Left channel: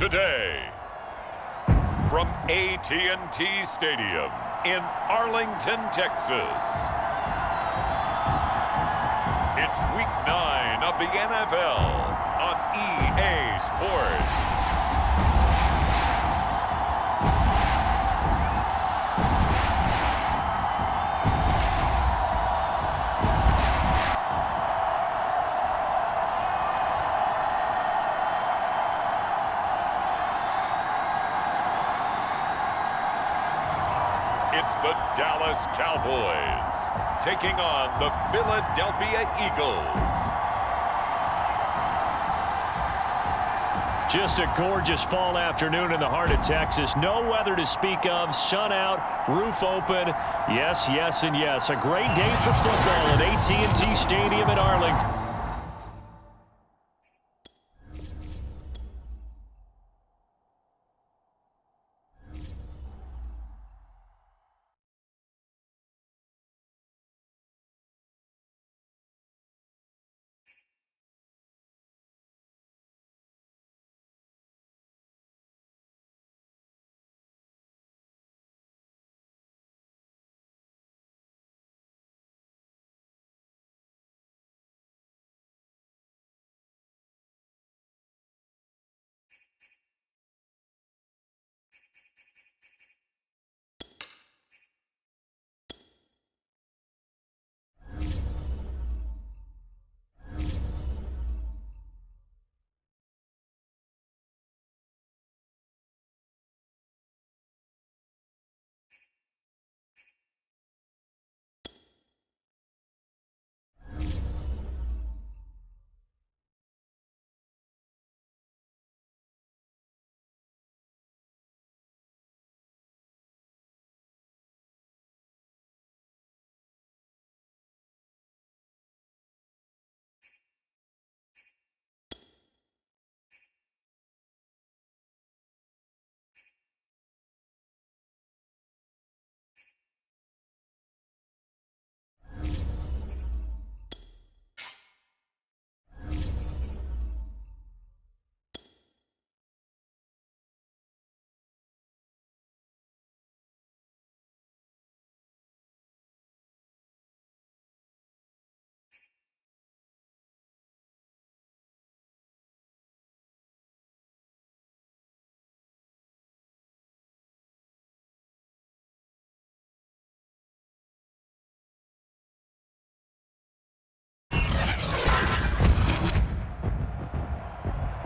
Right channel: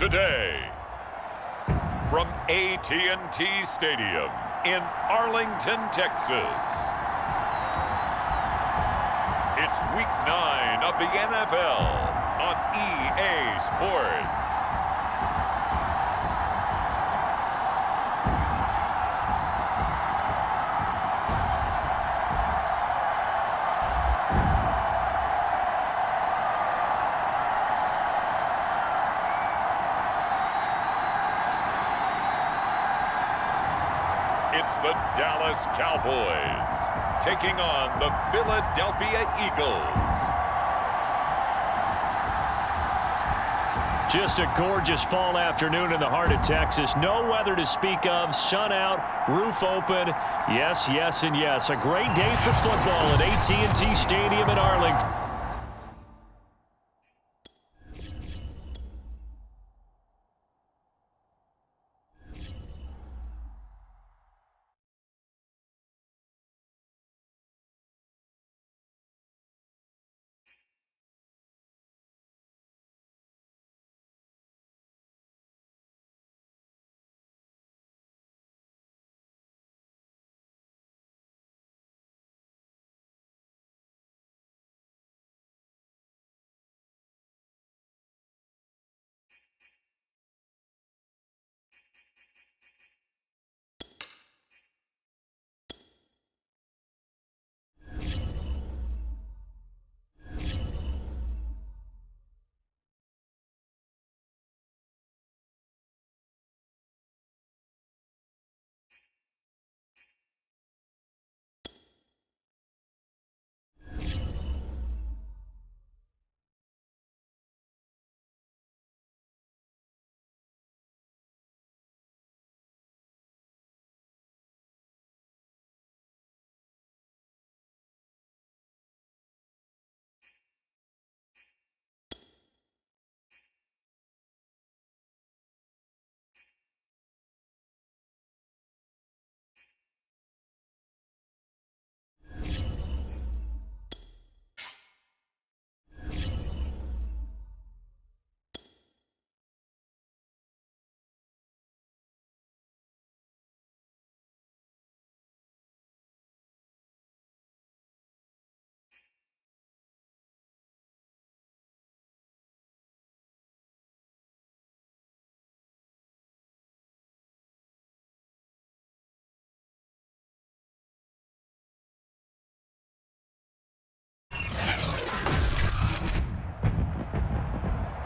Today, from AT&T Stadium in Arlington, Texas, it's Week 9 of the NFL on EA Sports. It's the Dallas Cowboys taking on the Philadelphia Eagles. Just a gorgeous fall afternoon in the heart of Texas. No weather to speak of. Sun out, roof open. Yes, yes, and yes. A great day for football at AT&T Stadium in Arlington.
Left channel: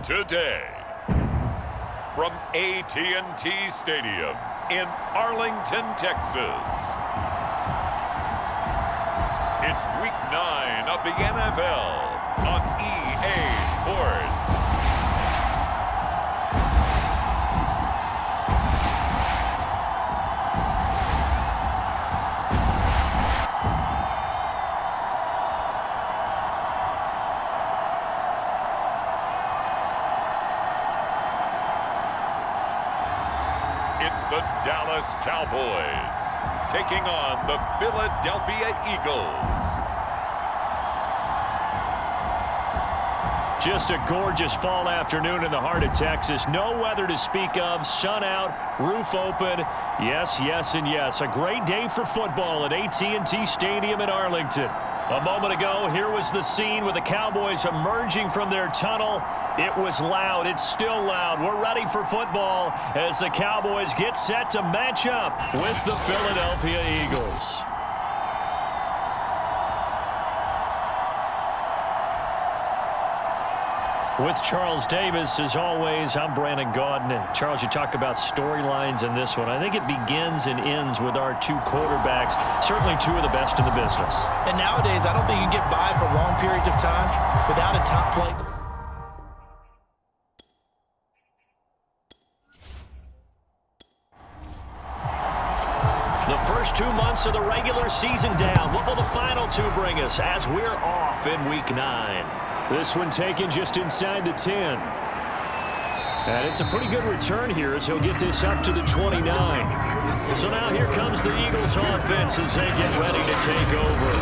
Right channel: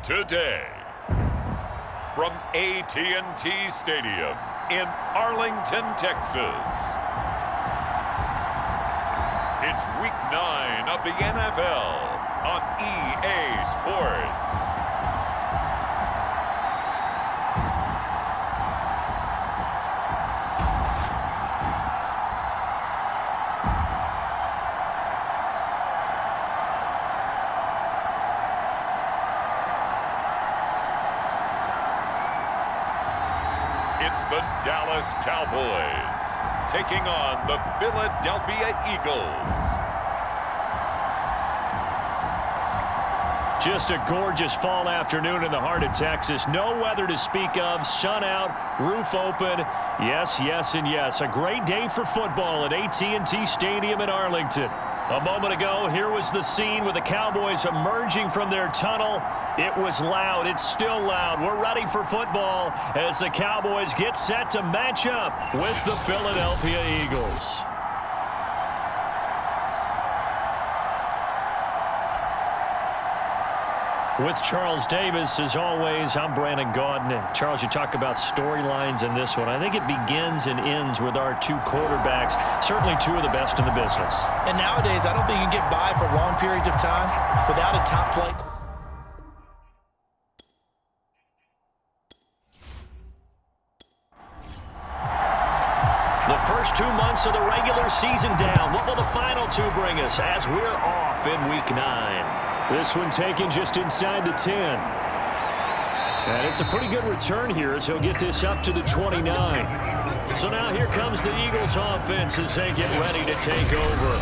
Today, from AT&T Stadium in Arlington, Texas, it's Week 9 of the NFL on EA Sports. It's the Dallas Cowboys taking on the Philadelphia Eagles. Just a gorgeous fall afternoon in the heart of Texas. No weather to speak of. Sun out, roof open. Yes, yes, and yes. A great day for football at AT&T Stadium in Arlington. A moment ago, here was the scene with the Cowboys emerging from their tunnel. It was loud. It's still loud. We're ready for football as the Cowboys get set to match up with the Philadelphia Eagles. With Charles Davis, as always, I'm Brandon Gaudin. Charles, you talk about storylines in this one. I think it begins and ends with our two quarterbacks, certainly two of the best in the business. And nowadays, I don't think you can get by for long periods of time without a top-flight. The first 2 months of the regular season down. What will the final two bring us as we're off in Week 9? This one taken just inside the 10. And it's a pretty good return here as he'll get this up to the 29. So now here comes the Eagles offense as they get ready to take over.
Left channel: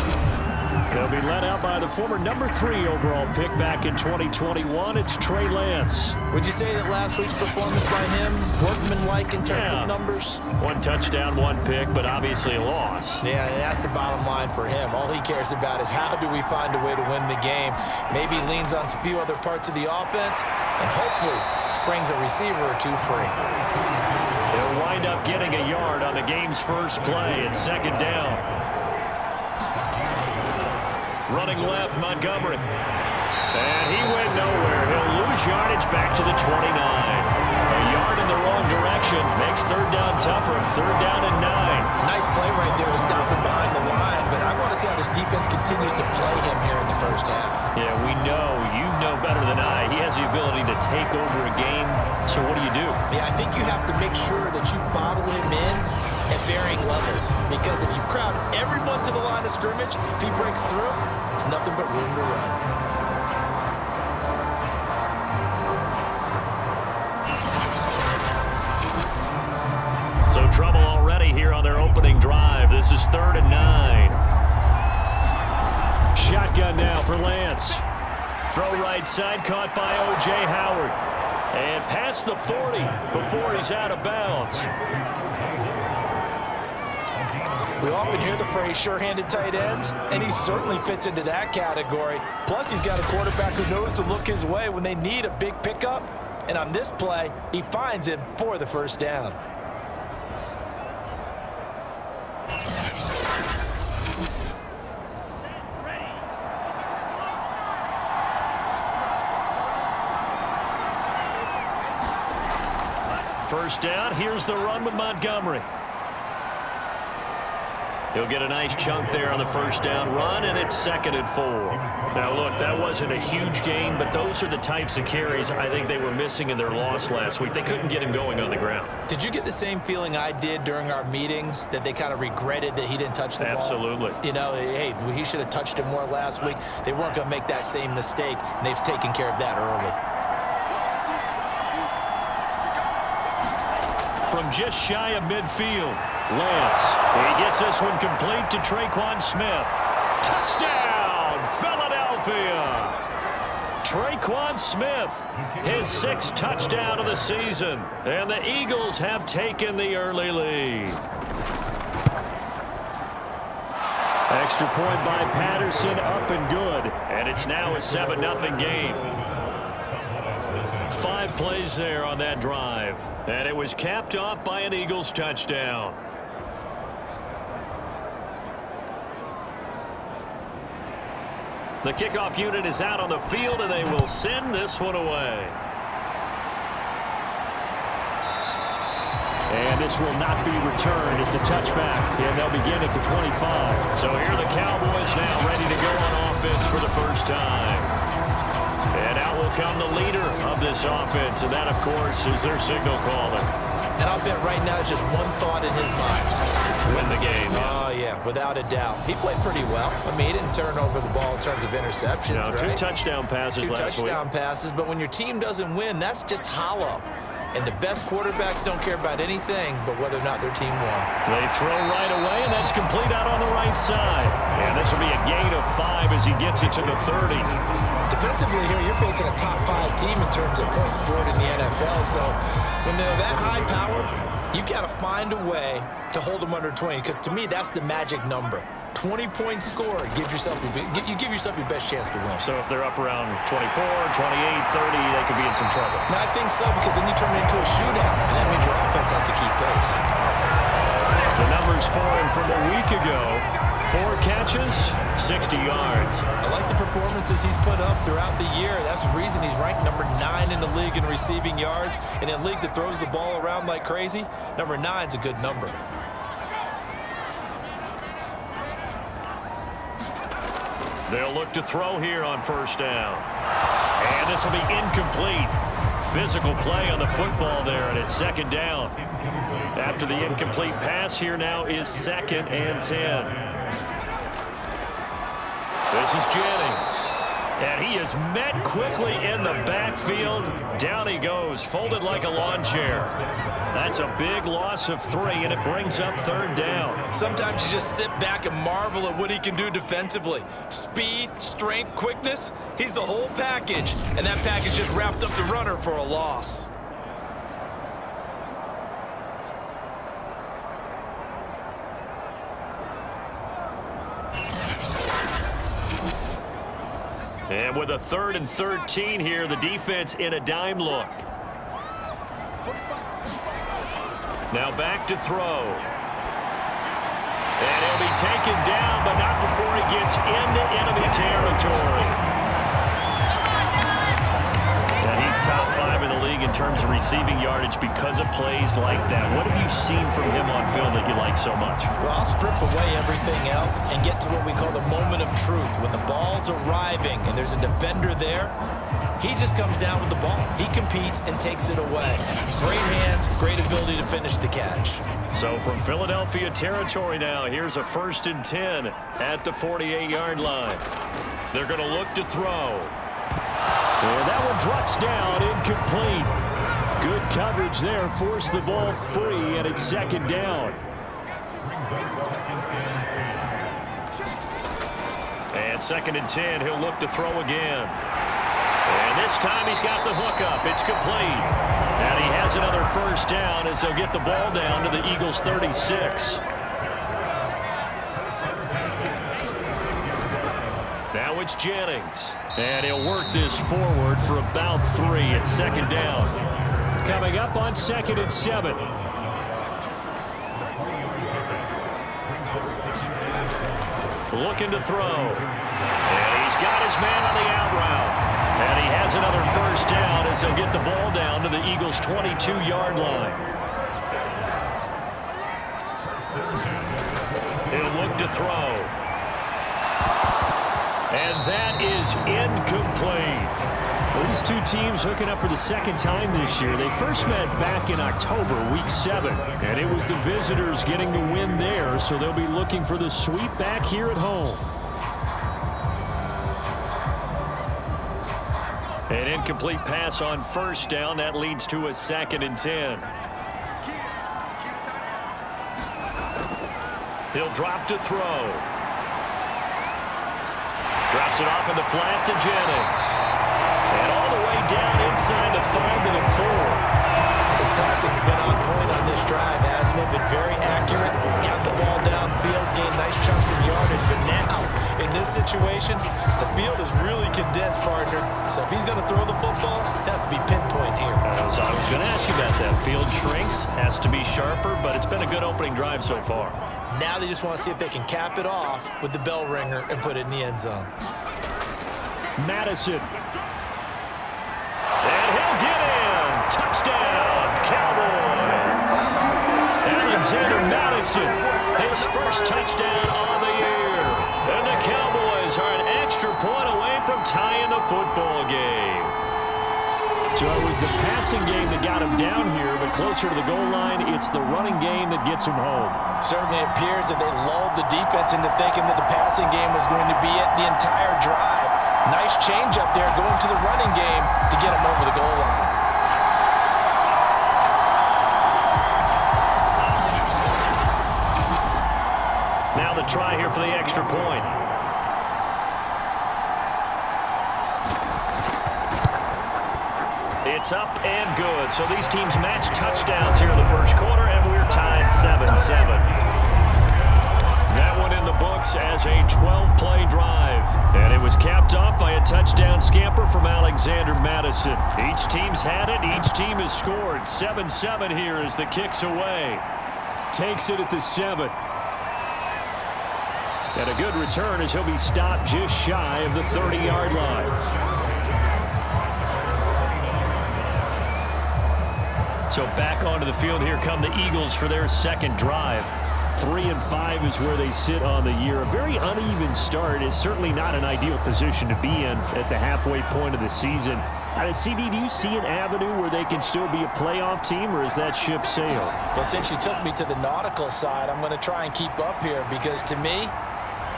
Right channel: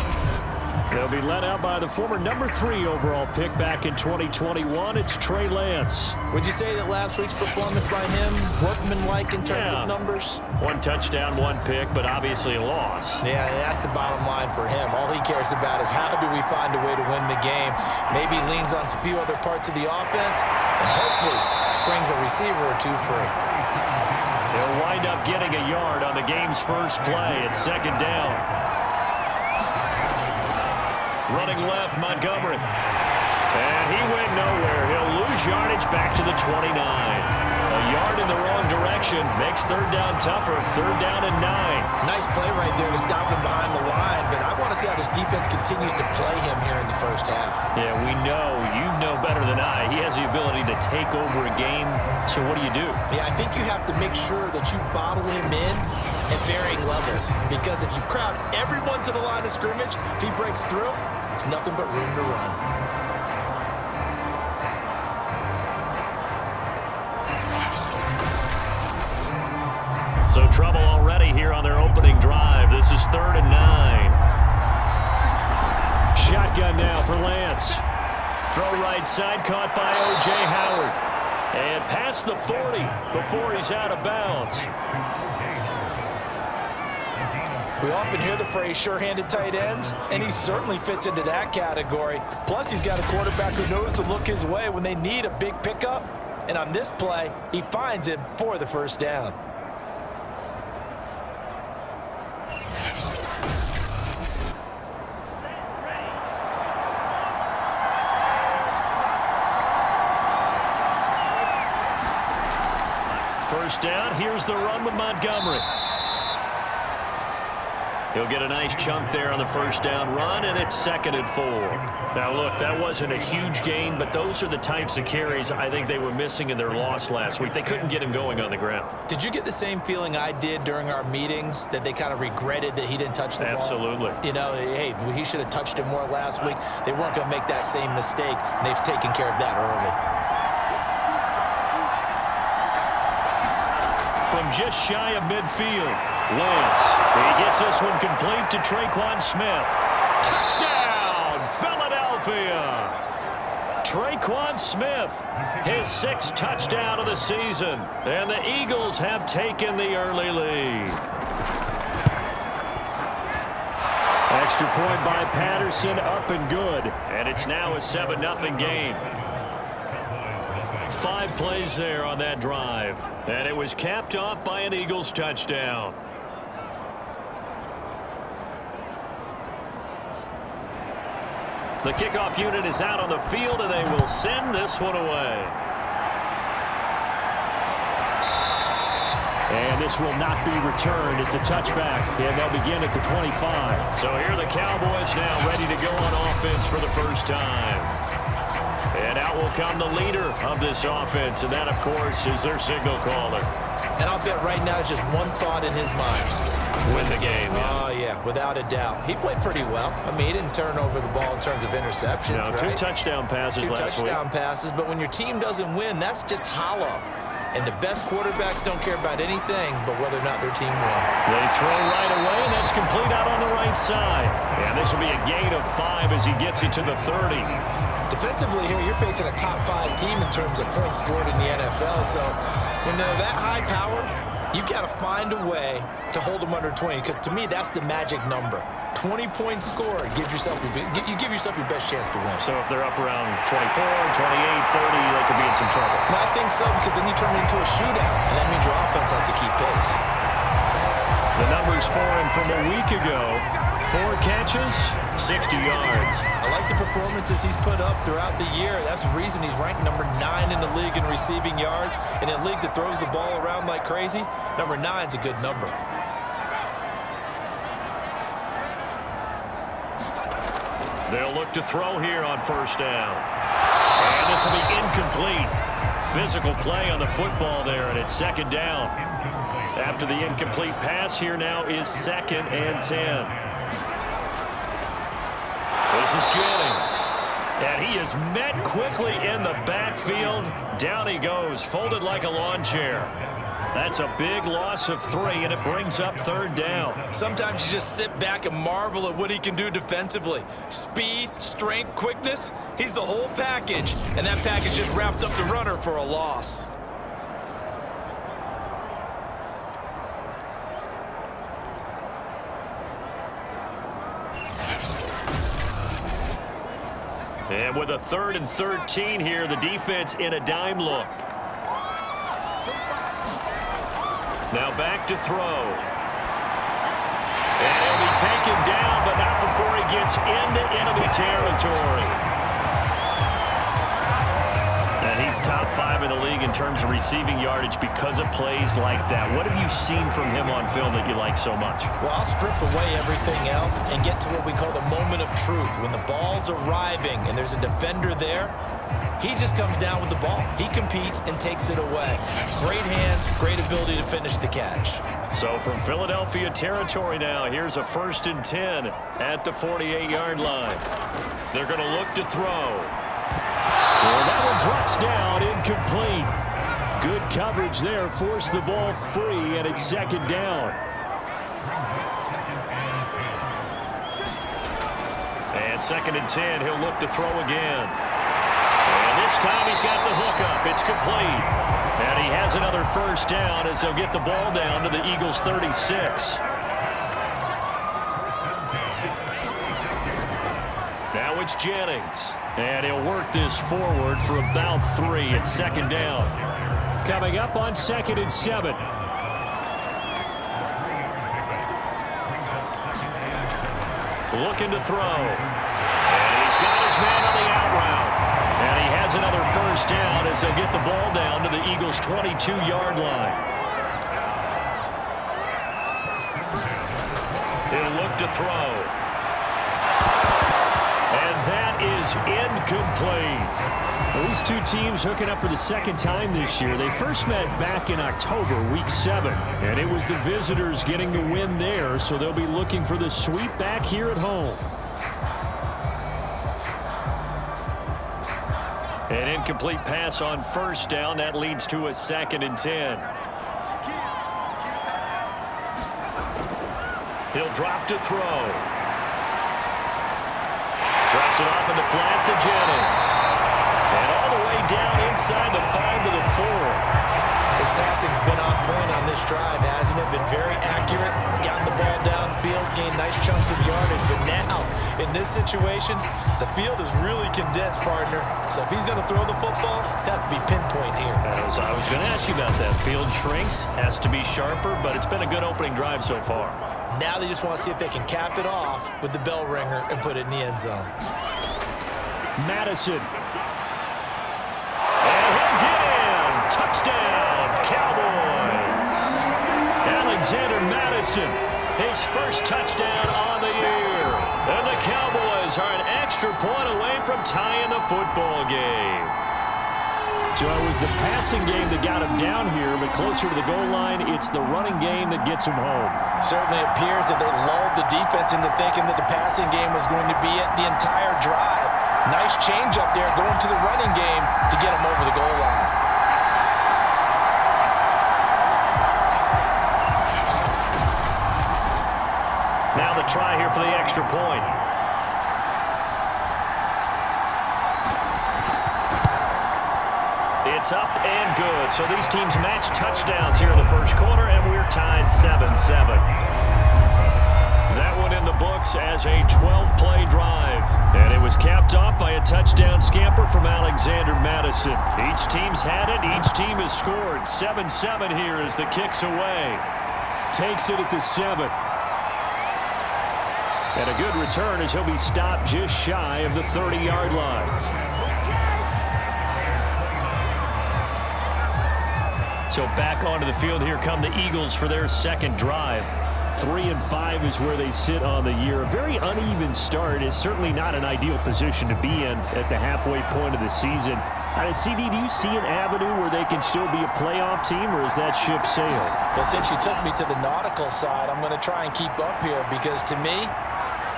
They'll be led out by the former #3 overall pick back in 2021. It's Trey Lance. Would you say that last week's performance by him, workmanlike in terms of numbers? 1 touchdown, 1 pick, but obviously a loss. Yeah, that's the bottom line for him. All he cares about is how do we find a way to win the game. Maybe leans on a few other parts of the offense and hopefully springs a receiver or two free. He'll wind up getting a yard on the game's first play. It's 2nd down. Running left, Montgomery. And he went nowhere. He'll lose yardage back to the 29. A yard in the wrong direction makes 3rd down tougher. 3rd down and 9. Nice play right there to stop him behind the line, but I want to see how this defense continues to play him here in the first half. Yeah, we know. You know better than I. He has the ability to take over a game. So what do you do? Yeah, I think you have to make sure that you bottle him in at varying levels, because if you crowd everyone to the line of scrimmage, if he breaks through, there's nothing but room to run. So trouble already here on their opening drive. This is 3rd and 9. Shotgun now for Lance. Throw right side, caught by O.J. Howard. And past the 40 before he's out of bounds. We often hear the phrase sure-handed tight ends, and he certainly fits into that category. Plus, he's got a quarterback who knows to look his way when they need a big pickup. And on this play, he finds him for the 1st down. First down, here's the run with Montgomery. He'll get a nice chunk there on the 1st down run, and it's 2nd and 4. Now, look, that wasn't a huge gain, but those are the types of carries I think they were missing in their loss last week. They couldn't get him going on the ground. Did you get the same feeling I did during our meetings, that they kind of regretted that he didn't touch the ball? Absolutely. You know, hey, he should have touched it more last week. They weren't going to make that same mistake, and they've taken care of that early. From just shy of midfield, Lance. He gets this one complete to Traquan Smith. Touchdown, Philadelphia! Traquan Smith, his 6th touchdown of the season. And the Eagles have taken the early lead. Extra point by Patterson, up and good. And it's now a 7-0 game. 5 plays there on that drive. And it was capped off by an Eagles touchdown. The kickoff unit is out on the field, and they will send this one away. And this will not be returned. It's a touchback, and they'll begin at the 25. So here are the Cowboys now ready to go on offense for the first time. And out will come the leader of this offense, and that, of course, is their signal caller. And I'll bet right now it's just one thought in his mind. Win the game. Oh, yeah, without a doubt. He played pretty well. I mean, he didn't turn over the ball in terms of interceptions, right? 2 touchdown passes last week. 2 touchdown passes, but when your team doesn't win, that's just hollow. And the best quarterbacks don't care about anything but whether or not their team won. They throw right away, and that's complete out on the right side. And this will be a gain of 5 as he gets it to the 30. Defensively here, you're facing a top 5 team in terms of points scored in the NFL. So when they're that high powered, you've got to find a way to hold them under 20, because to me, that's the magic number. 20 points scored, you give yourself your best chance to win. So if they're up around 24, 28, 30, they could be in some trouble. And I think so, because then you turn it into a shootout, and that means your offense has to keep pace. The numbers for him from a week ago: 4 catches, 60 yards. I like the performances he's put up throughout the year. That's the reason he's ranked number 9 in the league in receiving yards. In a league that throws the ball around like crazy, number 9's a good number. They'll look to throw here on 1st down. And this will be incomplete. Physical play on the football there, and it's 2nd down. After the incomplete pass, here now is 2nd and 10. This is Jennings. And he is met quickly in the backfield. Down he goes, folded like a lawn chair. That's a big loss of 3, and it brings up 3rd down. Sometimes you just sit back and marvel at what he can do defensively. Speed, strength, quickness, he's the whole package. And that package just wrapped up the runner for a loss. And with a 3rd and 13 here, the defense in a dime look. Now back to throw. And he'll be taken down, but not before he gets into enemy territory. And he's top 5 in the league in terms of receiving yardage because of plays like that. What have you seen from him on film that you like so much? Well, I'll strip away everything else and get to what we call the moment of truth. When the ball's arriving and there's a defender there, he just comes down with the ball. He competes and takes it away. Great hands, great ability to finish the catch. So from Philadelphia territory now, here's a 1st and 10 at the 48-yard line. They're going to look to throw. And that one drops down, incomplete. Good coverage there, forced the ball free, and it's 2nd down. And 2nd and 10, he'll look to throw again. And this time he's got the hook up. It's complete. And he has another 1st down as they'll get the ball down to the Eagles' 36. Now it's Jennings. And he'll work this forward for about 3 at 2nd down. Coming up on 2nd and 7. Looking to throw. And he's got his man on the out route. And he has another 1st down as they'll get the ball down to the Eagles' 22-yard line. He'll look to throw. And that is incomplete. Well, these two teams hooking up for the 2nd time this year. They first met back in October, week 7. And it was the visitors getting the win there, so they'll be looking for the sweep back here at home. An incomplete pass on 1st down. That leads to a 2nd and 10. He'll drop to throw. Drops it off in the flat to Jennings. And all the way down inside the 5 to the 4. His passing's been on point on this drive, hasn't it? Been very accurate. Got the ball downfield, gained nice chunks of yardage. But now, in this situation, the field is really condensed, partner. So if he's going to throw the football, he'll have to be pinpoint here. I was going to ask you about that. Field shrinks, has to be sharper, but it's been a good opening drive so far. Now they just want to see if they can cap it off with the bell ringer and put it in the end zone. Madison. And he'll get in. Touchdown, Cowboys. Alexander Madison, his 1st touchdown on the year. And the Cowboys are an extra point away from tying the football game. So it was the passing game that got him down here, but closer to the goal line, it's the running game that gets him home. Certainly appears that they lulled the defense into thinking that the passing game was going to be it the entire drive. Nice change up there going to the running game to get him over the goal line. Now the try here for the extra point. It's up and good. So these teams match touchdowns here in the 1st quarter, and we're tied 7-7. That one in the books as a 12-play drive. And it was capped off by a touchdown scamper from Alexander Madison. Each team's had it. Each team has scored. 7-7 here as the kick's away. Takes it at the 7. And a good return as he'll be stopped just shy of the 30-yard line. So back onto the field here come the Eagles for their 2nd drive. 3-5 is where they sit on the year. A very uneven start is certainly not an ideal position to be in at the halfway point of the season. CD, do you see an avenue where they can still be a playoff team, or is that ship sailed? Well, since you took me to the nautical side, I'm going to try and keep up here because, to me,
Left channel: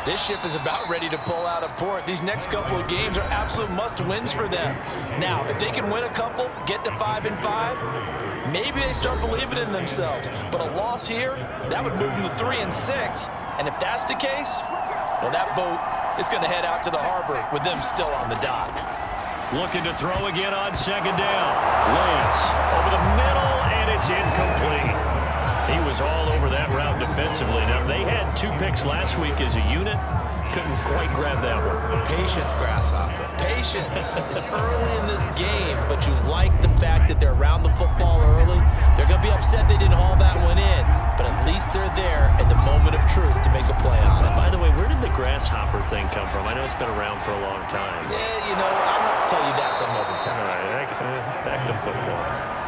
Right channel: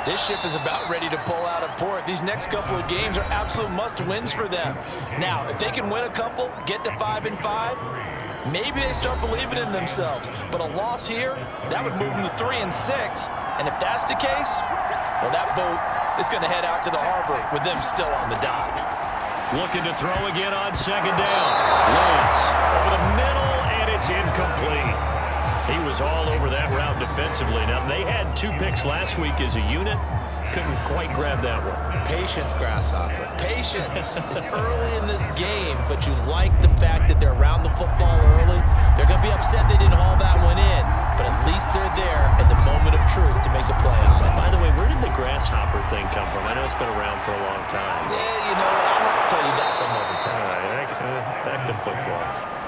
this ship is about ready to pull out of port. These next couple of games are absolute must-wins for them. Now, if they can win a couple, get to 5-5, maybe they start believing in themselves. But a loss here, that would move them to 3-6. And if that's the case, well, that boat is going to head out to the harbor with them still on the dock. Looking to throw again on second down. Lance over the middle, and it's incomplete. He was all over that route defensively. Now, they had 2 picks last week as a unit. Couldn't quite grab that one. Patience, Grasshopper. Patience. It's early in this game, but you like the fact that they're around the football early. They're going to be upset they didn't haul that one in, but at least they're there at the moment of truth to make a play on it. By the way, where did the grasshopper thing come from? I know it's been around for a long time. Yeah, I'll have to tell you that some other time. All right, back to football.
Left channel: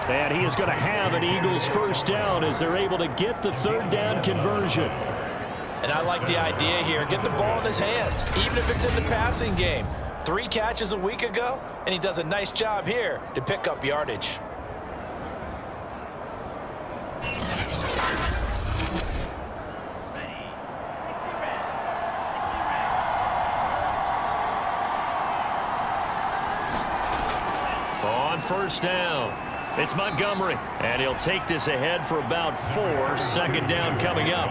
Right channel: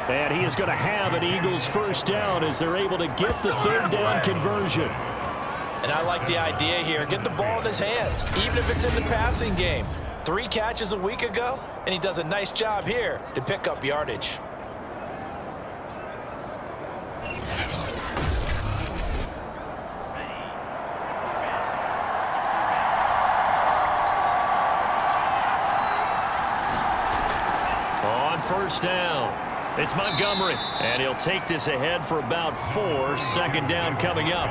And he is going to have an Eagles first down as they're able to get the third down conversion. And I like the idea here. Get the ball in his hands, even if it's in the passing game. 3 catches a week ago, and he does a nice job here to pick up yardage. On first down, it's Montgomery, and he'll take this ahead for about 4. Second down coming up.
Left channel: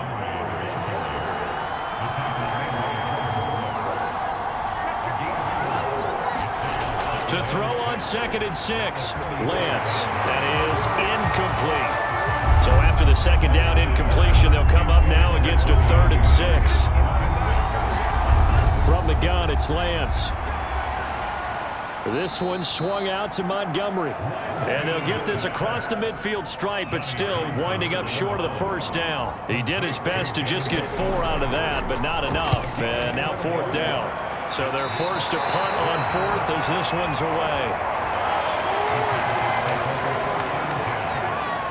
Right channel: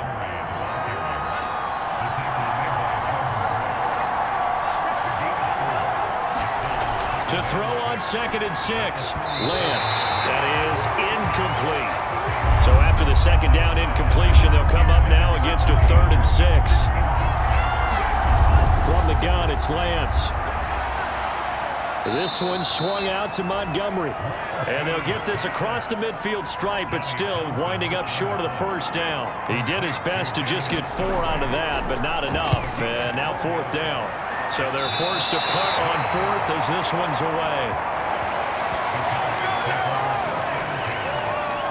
To throw on 2nd and 6. Lance, that is incomplete. So after the second down incompletion, they'll come up now against a 3rd and 6. From the gun, it's Lance. This one swung out to Montgomery. And they'll get this across the midfield stripe, but still winding up short of the first down. He did his best to just get 4 out of that, but not enough. And now 4th down. So they're forced to punt on 4th as this one's away.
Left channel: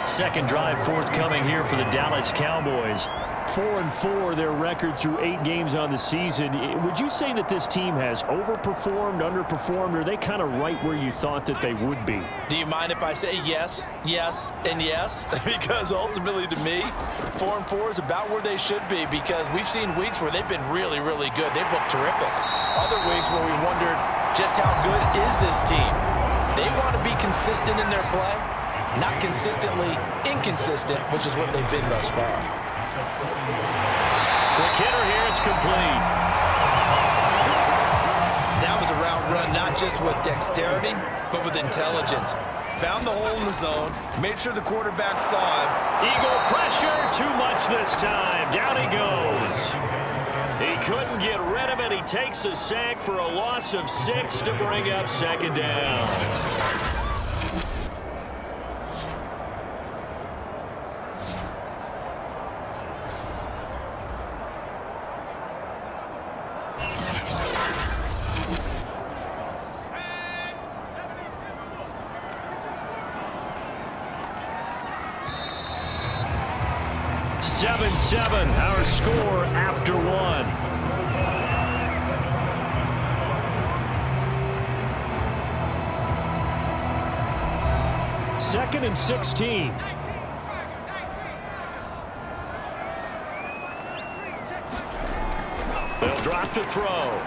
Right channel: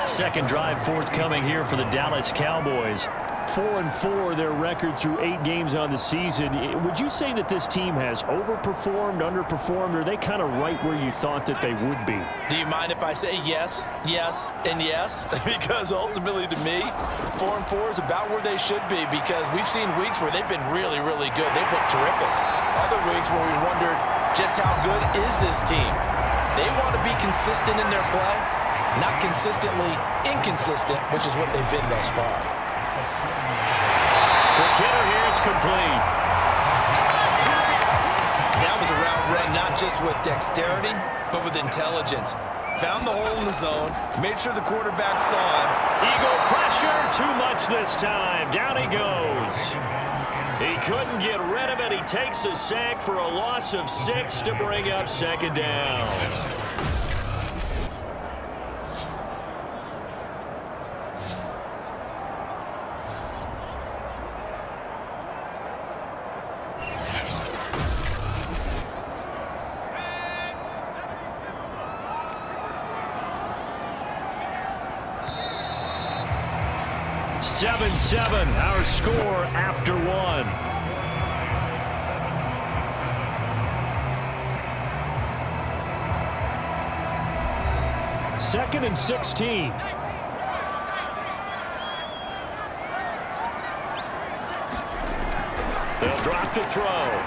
Second drive forthcoming here for the Dallas Cowboys. 4-4 their record through 8 games on the season. Would you say that this team has overperformed, underperformed, or are they kind of right where you thought that they would be? Do you mind if I say yes, yes, and yes? Because ultimately to me, 4-4 is about where they should be, because we've seen weeks where they've been really, really good. They've looked terrific. Other weeks where we wondered just how good is this team. They want to be consistent in their play, not consistently inconsistent, which is what they've been thus far. Quick hitter here, it's complete. That was a route run not just with dexterity, but with intelligence. Found the hole in the zone, made sure the quarterback saw him. Eagle pressure, too much this time. Down he goes. He couldn't get rid of it. He takes a sack for a loss of 6 to bring up second down. Seven, our score after 1. Second and 16. They'll drop to throw.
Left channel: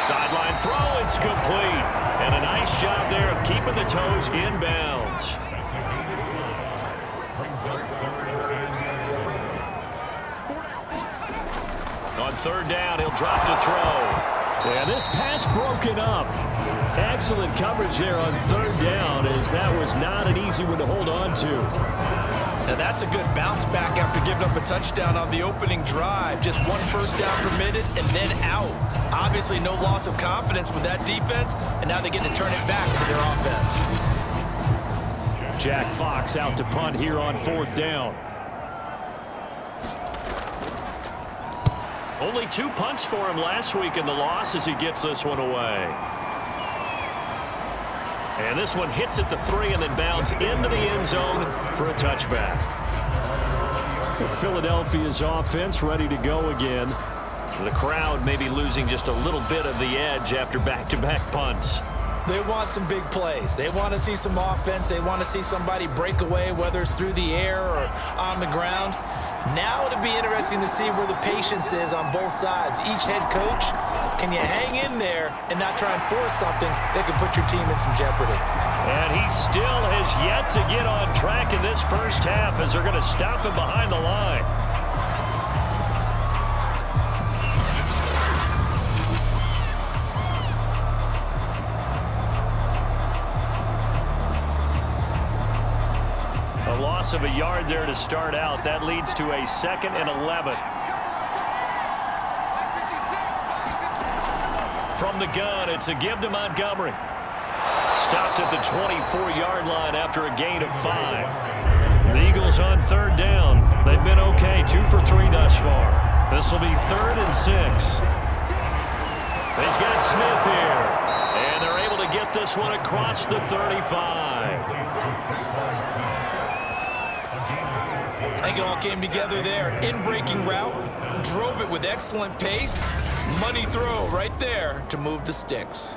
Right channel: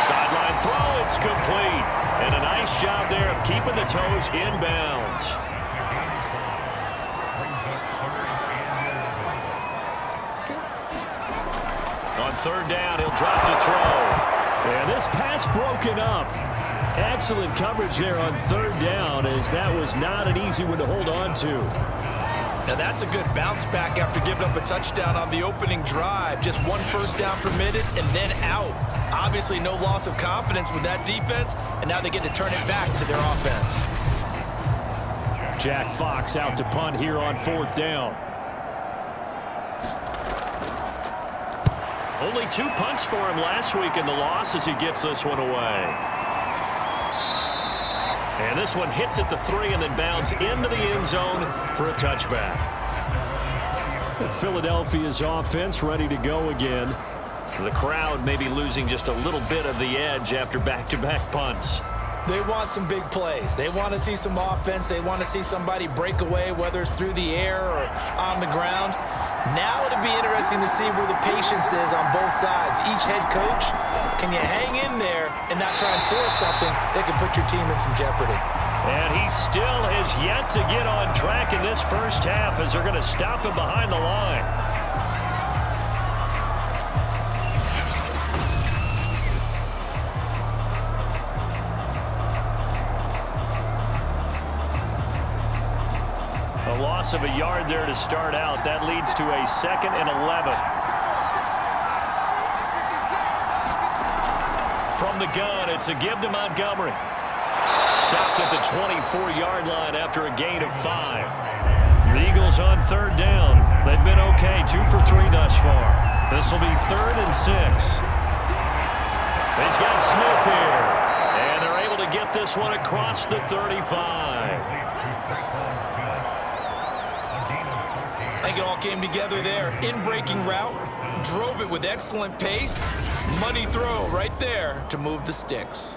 Sideline throw, it's complete. And a nice job there of keeping the toes in bounds. On third down, he'll drop to throw. And this pass broken up. Excellent coverage there on third down, as that was not an easy one to hold on to. Now that's a good bounce back after giving up a touchdown on the opening drive. Just 1 first down permitted and then out. Obviously no loss of confidence with that defense, and now they get to turn it back to their offense. Jack Fox out to punt here on 4th down. Only 2 punts for him last week in the loss as he gets this one away. And this one hits at the 3 and then bounds into the end zone for a touchback. Philadelphia's offense ready to go again. The crowd may be losing just a little bit of the edge after back-to-back punts. They want some big plays. They want to see some offense. They want to see somebody break away, whether it's through the air or on the ground. Now it'll be interesting to see where the patience is on both sides. Each head coach, can you hang in there and not try and force something that could put your team in some jeopardy? And he still has yet to get on track in this first half as they're going to stop him behind the line. A loss of a yard there to start out. That leads to a 2nd and 11. From the gun, it's a give to Montgomery. Stopped at the 24-yard line after a gain of 5. The Eagles on 3rd down. They've been okay, 2 for 3 thus far. This will be 3rd and 6. He's got Smith here. And they're able to get this one across the 35. I think it all came together there. In-breaking route, drove it with excellent pace. Money throw right there to move the sticks.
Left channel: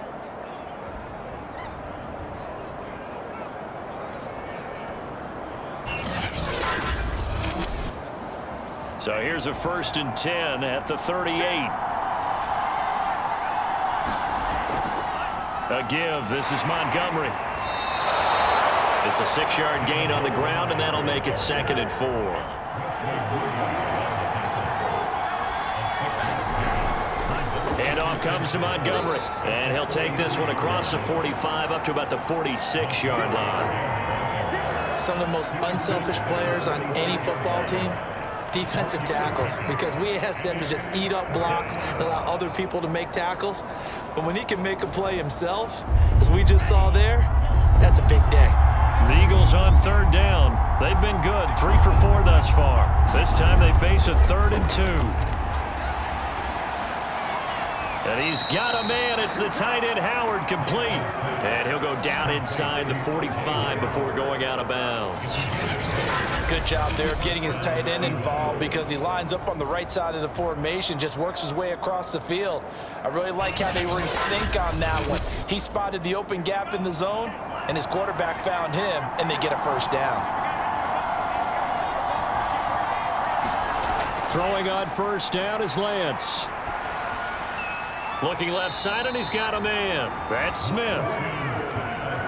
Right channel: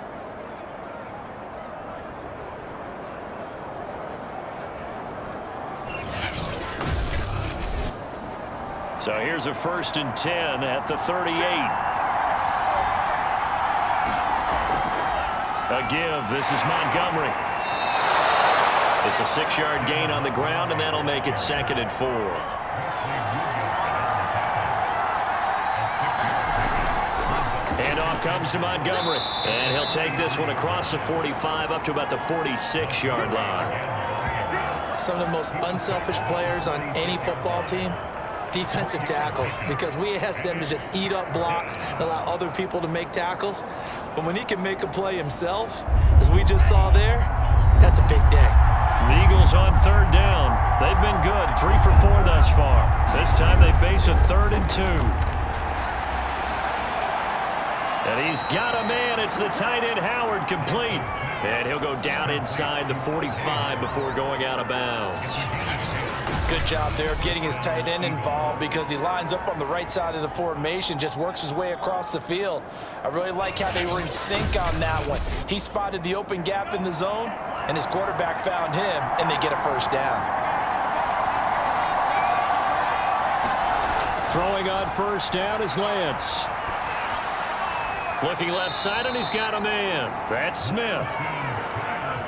So here's a 1st and 10 at the 38. A give. This is Montgomery. It's a 6-yard gain on the ground, and that'll make it 2nd and 4. Handoff comes to Montgomery, and he'll take this one across the 45 up to about the 46-yard line. Some of the most unselfish players on any football team, defensive tackles, because we ask them to just eat up blocks and allow other people to make tackles. But when he can make a play himself, as we just saw there, that's a big day. The Eagles on 3rd down. They've been good, 3 for 4 thus far. This time they face a 3rd and 2. And he's got a man. It's the tight end Howard, complete. And he'll go down inside the 45 before going out of bounds. Good job there of getting his tight end involved because he lines up on the right side of the formation, just works his way across the field. I really like how they were in sync on that one. He spotted the open gap in the zone, and his quarterback found him, and they get a 1st down. Throwing on 1st down is Lance. Looking left side, and he's got a man. That's Smith.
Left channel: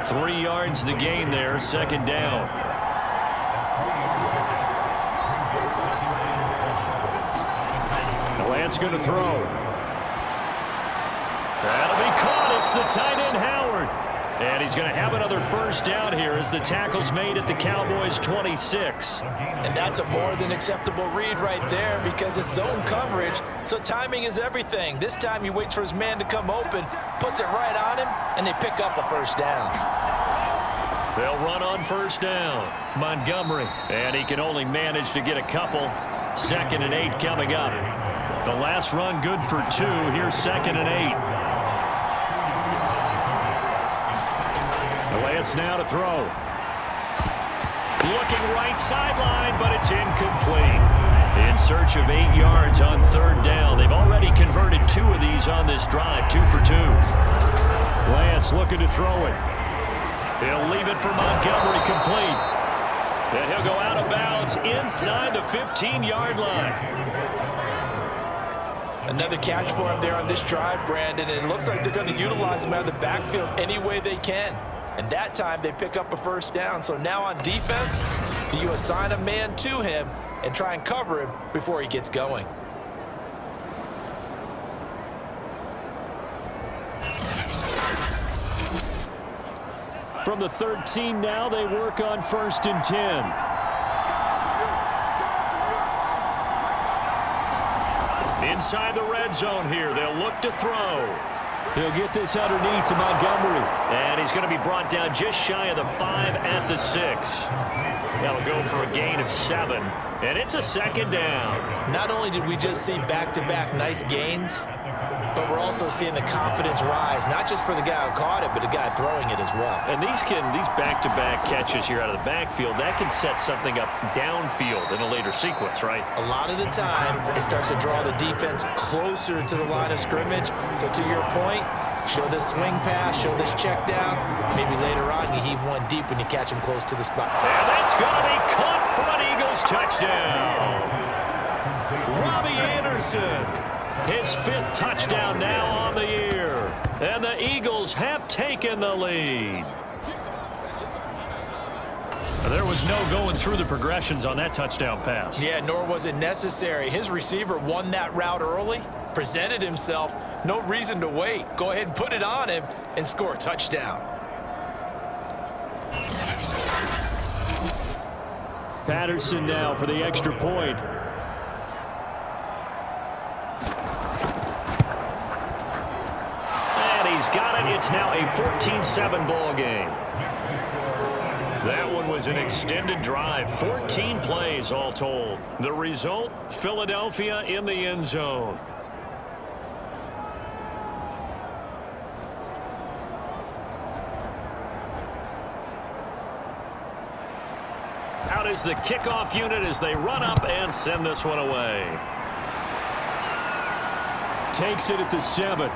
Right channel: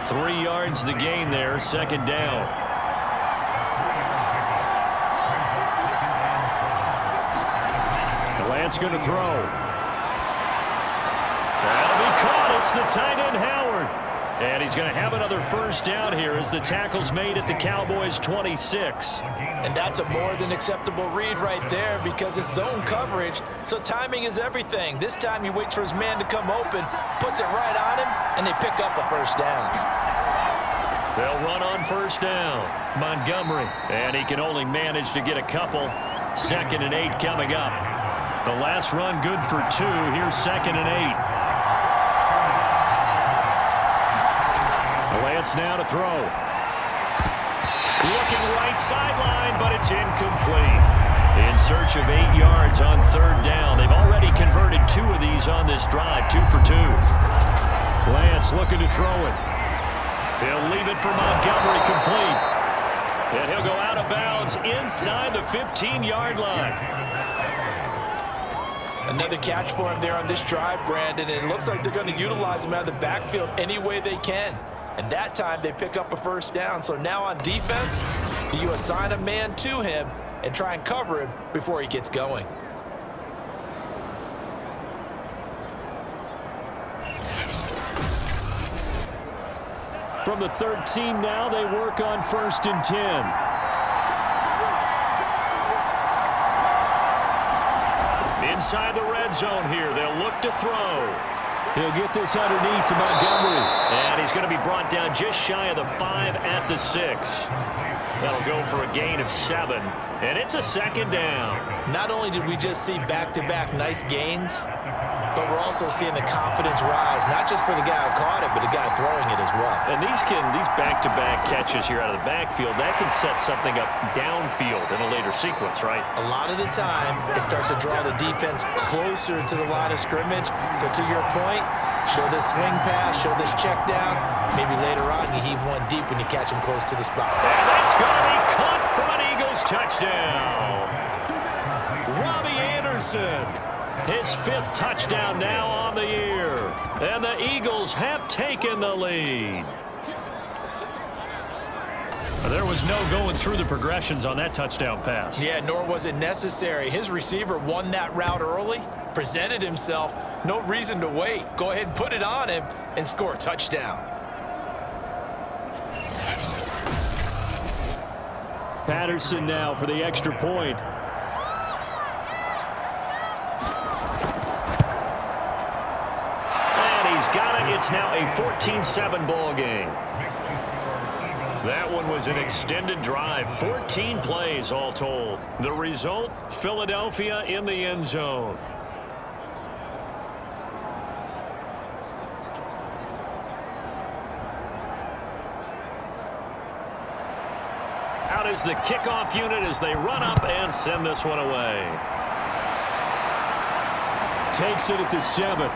3 yards the gain there, 2nd down. And Lance going to throw. That'll be caught. It's the tight end Howard. And he's going to have another 1st down here as the tackle's made at the Cowboys' 26. And that's a more than acceptable read right there because it's zone coverage, so timing is everything. This time he waits for his man to come open, puts it right on him, and they pick up a 1st down. They'll run on 1st down. Montgomery, and he can only manage to get a couple. 2nd and 8 coming up. The last run good for 2. Here's 2nd and 8. Lance now to throw. Looking right sideline, but it's incomplete. In search of 8 yards on 3rd down. They've already converted 2 of these on this drive, 2 for 2. Lance looking to throw it. He'll leave it for Montgomery, complete. And he'll go out of bounds inside the 15-yard line. Another catch for him there on this drive, Brandon. And it looks like they're going to utilize him out of the backfield any way they can. And that time they pick up a 1st down. So now on defense, do you assign a man to him and try and cover him before he gets going? From the 13 now, they work on 1st and 10. Inside the red zone here, they'll look to throw. He'll get this underneath to Montgomery. And he's going to be brought down just shy of the 5 at the 6. That'll go for a gain of 7. And it's a 2nd down. Not only did we just see back-to-back nice gains, but we're also seeing the confidence rise, not just for the guy who caught it, but the guy throwing it as well. And these back-to-back catches here out of the backfield, that can set something up downfield in a later sequence, right? A lot of the time, it starts to draw the defense closer to the line of scrimmage. So to your point, show this swing pass, show this check down. Maybe later on you heave one deep when you catch him close to the spot. And that's going to be caught for an Eagles touchdown. Robbie Anderson. His 5th touchdown now on the year. And the Eagles have taken the lead. There was no going through the progressions on that touchdown pass. Yeah, nor was it necessary. His receiver won that route early, presented himself. No reason to wait. Go ahead and put it on him and score a touchdown. Patterson now for the extra point. And he's got it. It's now a 14-7 ball game. That one was an extended drive, 14 plays all told. The result, Philadelphia in the end zone. Out is the kickoff unit as they run up and send this one away. Takes it at the 7.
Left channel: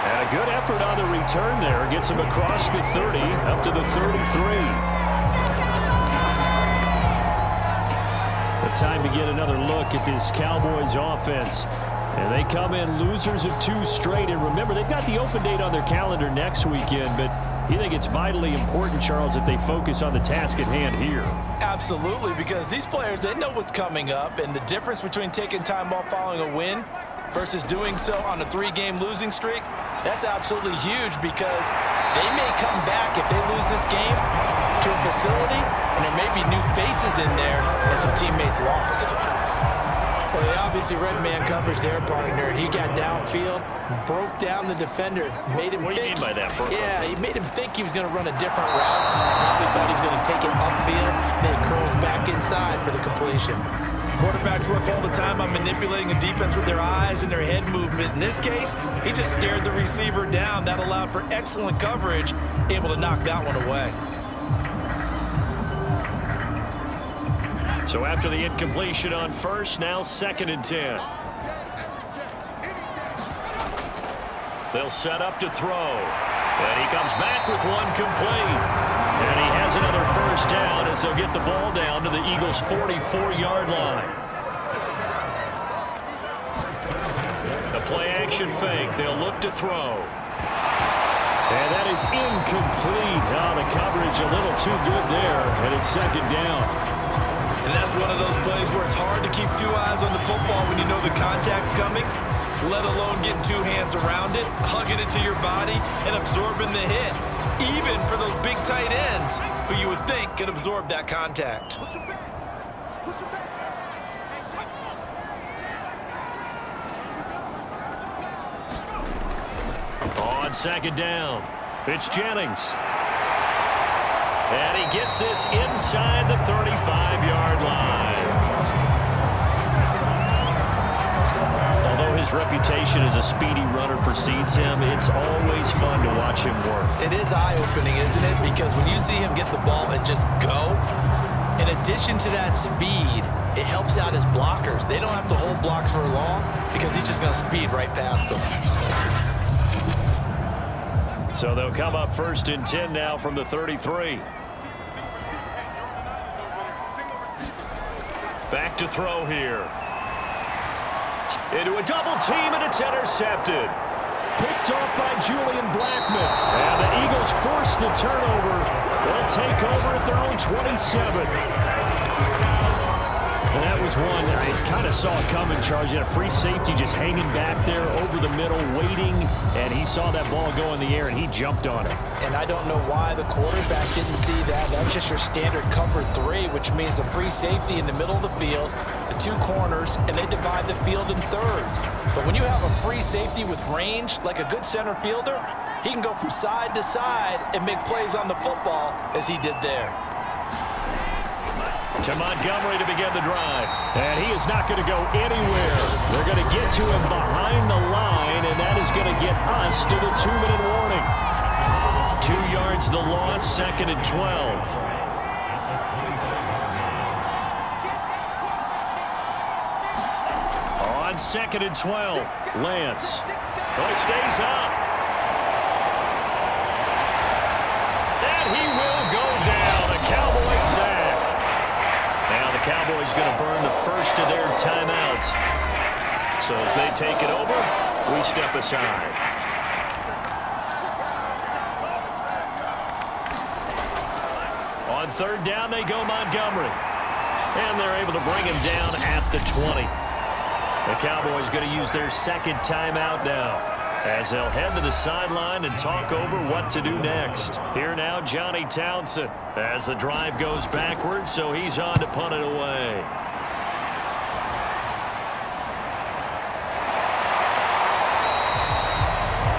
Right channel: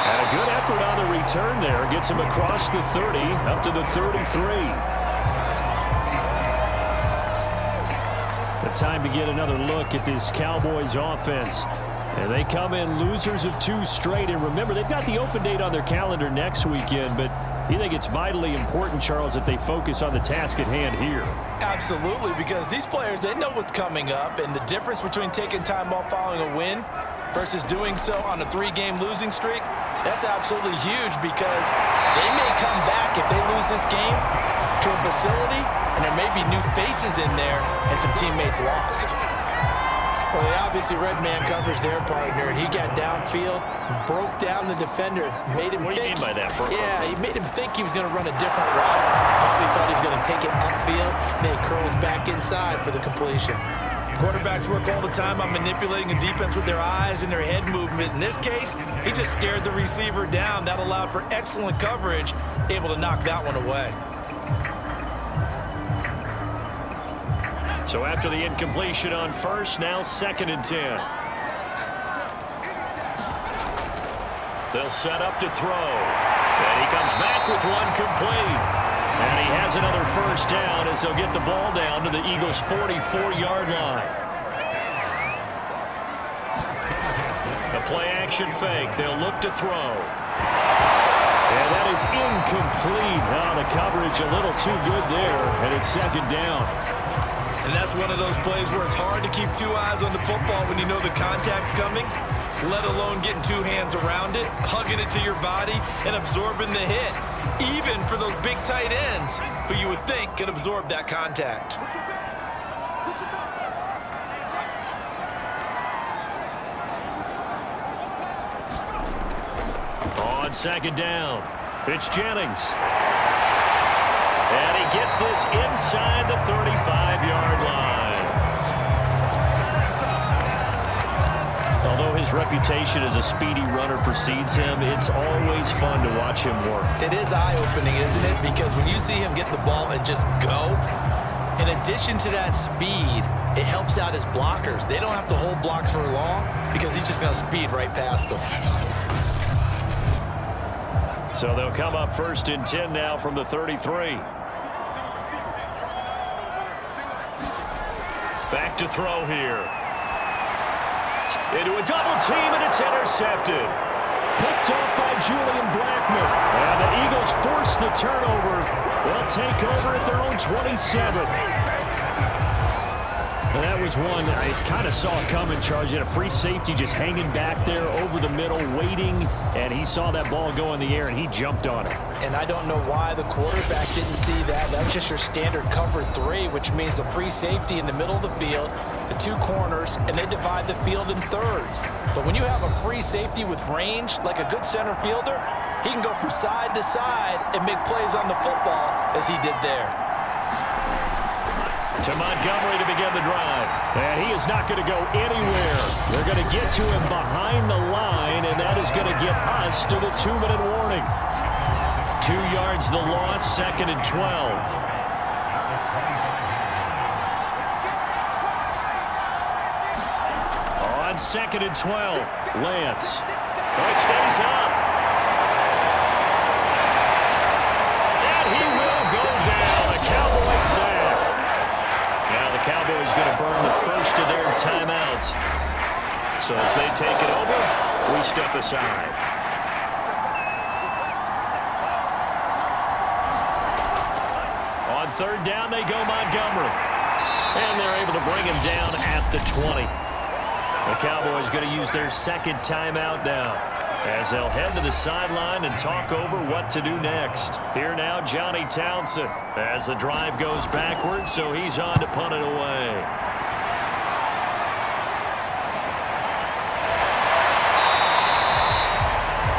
And a good effort on the return there. Gets him across the 30, up to the 33. The time to get another look at this Cowboys offense. And they come in losers of 2 straight. And remember, they've got the open date on their calendar next weekend, but you think it's vitally important, Charles, that they focus on the task at hand here? Absolutely, because these players, they know what's coming up, and the difference between taking time off following a win versus doing so on a 3-game losing streak, that's absolutely huge, because they may come back if they lose this game to a facility, and there may be new faces in there and some teammates lost. Well, they obviously read man coverage their partner, and he got downfield, broke down the defender, made him What do you mean by that, Burke? Yeah, he made him think he was going to run a different route. Probably thought he was going to take it upfield. Then he curls back inside for the completion. Quarterbacks work all the time on manipulating a defense with their eyes and their head movement. In this case, he just stared the receiver down. That allowed for excellent coverage, able to knock that one away. So after the incompletion on first, now 2nd and 10. They'll set up to throw. And he comes back with one complete. And he has another first down as they'll get the ball down to the Eagles' 44-yard line. The play-action fake. They'll look to throw. And that is incomplete. Oh, the coverage a little too good there. And it's 2nd down. And that's one of those plays where it's hard to keep 2 eyes on the football when you know the contact's coming, let alone getting 2 hands around it, hugging it to your body, and absorbing the hit, even for those big tight ends who you would think can absorb that contact. On 2nd down, it's Jennings. And he gets this inside the 35-yard line. Although his reputation as a speedy runner precedes him, it's always fun to watch him work. It is eye-opening, isn't it? Because when you see him get the ball and just go, in addition to that speed, it helps out his blockers. They don't have to hold blocks for long because he's just going to speed right past them. So they'll come up 1st and 10 now from the 33. Back to throw here. Into a double team, and it's intercepted. Picked off by Julian Blackman. And the Eagles force the turnover. They'll take over at their own 27. And that was one I kind of saw coming, Charles. You had a free safety just hanging back there over the middle, waiting, and he saw that ball go in the air, and he jumped on it. And I don't know why the quarterback didn't see that. That was just your standard cover 3, which means a free safety in the middle of the field, the 2 corners, and they divide the field in thirds. But when you have a free safety with range, like a good center fielder, he can go from side to side and make plays on the football as he did there. To Montgomery to begin the drive. And he is not going to go anywhere. They're going to get to him behind the line, and that is going to get us to the 2-minute warning. 2 yards the loss, 2nd and 12. On 2nd and 12, Lance. Oh, he stays up. And he will go down. A Cowboys sack. Now the Cowboys going to burn the first of their timeouts. So as they take it over, we step aside. On third down, they go Montgomery. And they're able to bring him down at the 20. The Cowboys going to use their second timeout now, as they'll head to the sideline and talk over what to do next. Here now, Johnny Townsend, as the drive goes backwards, so he's on to punt it away.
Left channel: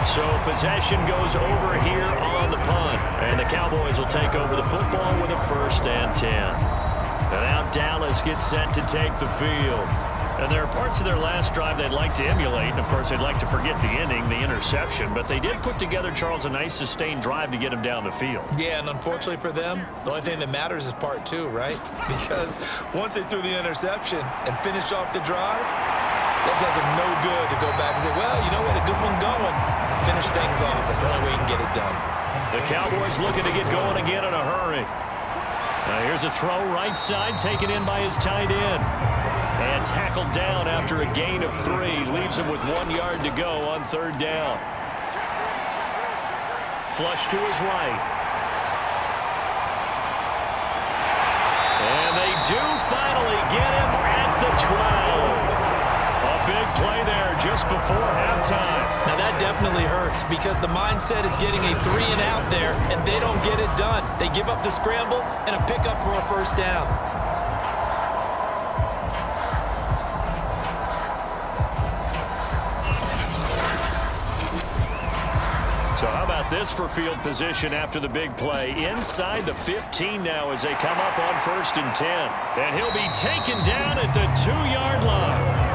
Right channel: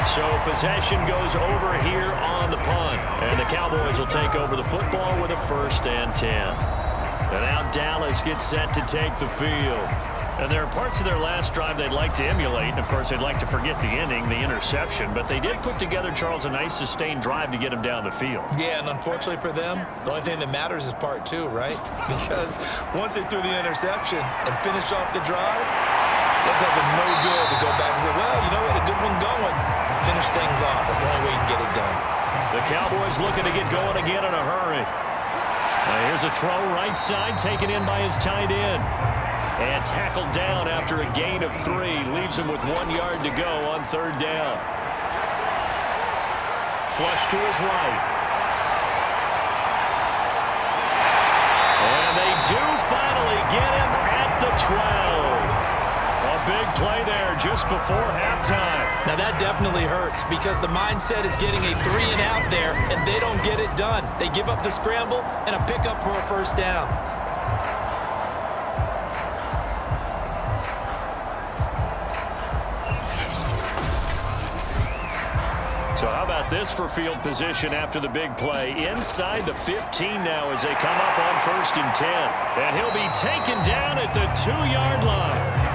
So possession goes over here on the punt, and the Cowboys will take over the football with a 1st and 10. And now Dallas gets set to take the field. And there are parts of their last drive they'd like to emulate. And, of course, they'd like to forget the ending, the interception. But they did put together, Charles, a nice sustained drive to get him down the field. Yeah, and unfortunately for them, the only thing that matters is part 2, right? Because once they threw the interception and finished off the drive, that does them no good to go back and say, well, you know, we had a good one going. Finish things off. That's the only way you can get it done. The Cowboys looking to get going again in a hurry. Here's a throw right side, taken in by his tight end. And tackled down after a gain of 3. Leaves him with 1 yard to go on third down. Flush to his right. And they do finally get him at the 12. A big play there just before halftime. Now that definitely hurts because the mindset is getting a 3 and out there, and they don't get it done. They give up the scramble and a pickup for a 1st down. So how about this for field position after the big play? Inside the 15 now as they come up on 1st and 10. And he'll be taken down at the 2-yard line.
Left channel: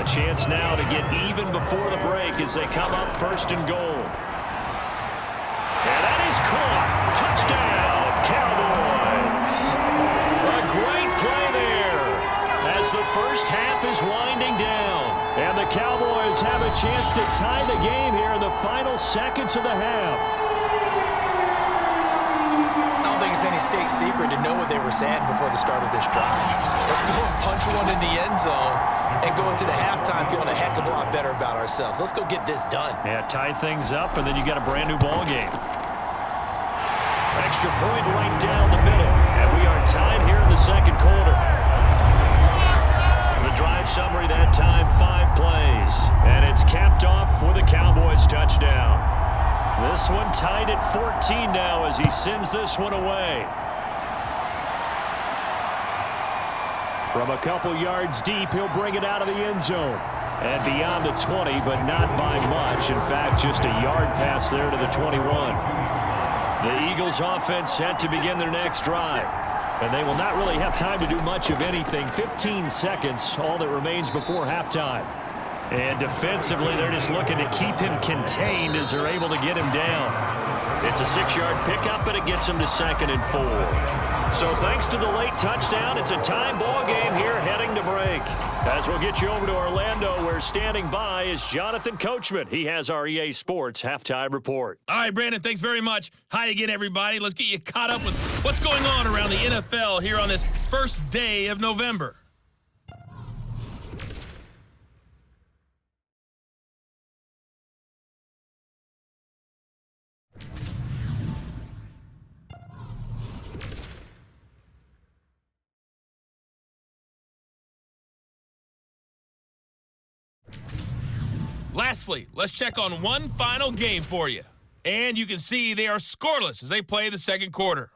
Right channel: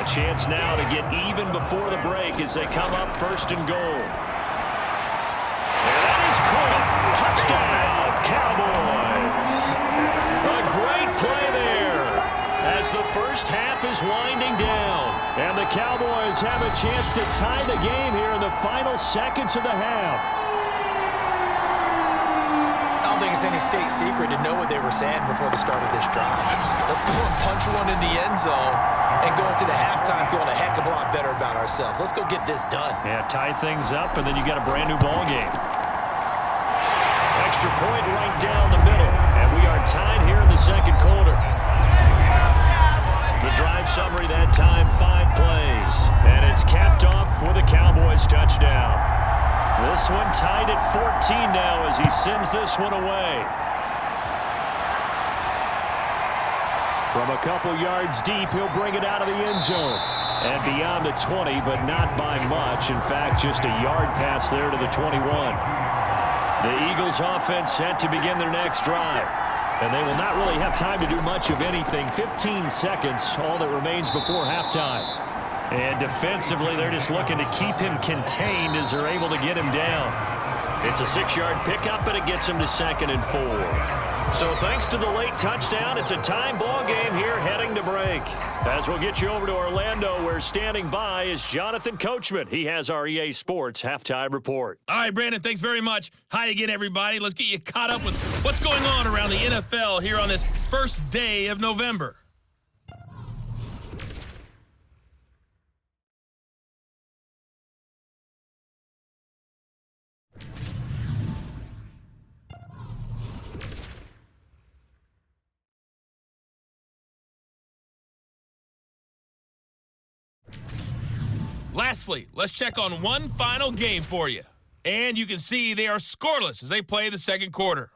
A chance now to get even before the break as they come up 1st and goal. And that is caught. Touchdown, Cowboys. A great play there as the first half is winding down. And the Cowboys have a chance to tie the game here in the final seconds of the half. I don't think it's any state secret to know what they were saying before the start of this drive. Let's go and punch one in the end zone and go into the halftime feeling a heck of a lot better about ourselves. Let's go get this done. Yeah, tie things up, and then you got a brand new ball game. Extra point right down the middle, and we are tied here in the second quarter. The drive summary that time, 5 plays, and it's capped off with a Cowboys touchdown. This one tied at 14 now as he sends this one away. From a couple yards deep, he'll bring it out of the end zone. And beyond the 20, but not by much. In fact, just a yard pass there to the 21. The Eagles offense set to begin their next drive. And they will not really have time to do much of anything. 15 seconds, all that remains before halftime. And defensively, they're just looking to keep him contained as they're able to get him down. It's a 6-yard pickup, and it gets him to 2nd and 4. So thanks to the late touchdown, it's a tie ball game here heading to break. As we'll get you over to Orlando, where standing by is Jonathan Coachman. He has our EA Sports halftime report. All right, Brandon, thanks very much. Hi again, everybody. Let's get you caught up with what's going on around the NFL here on this first day of November. Lastly, let's check on one final game for you. And you can see they are scoreless as they play the second quarter.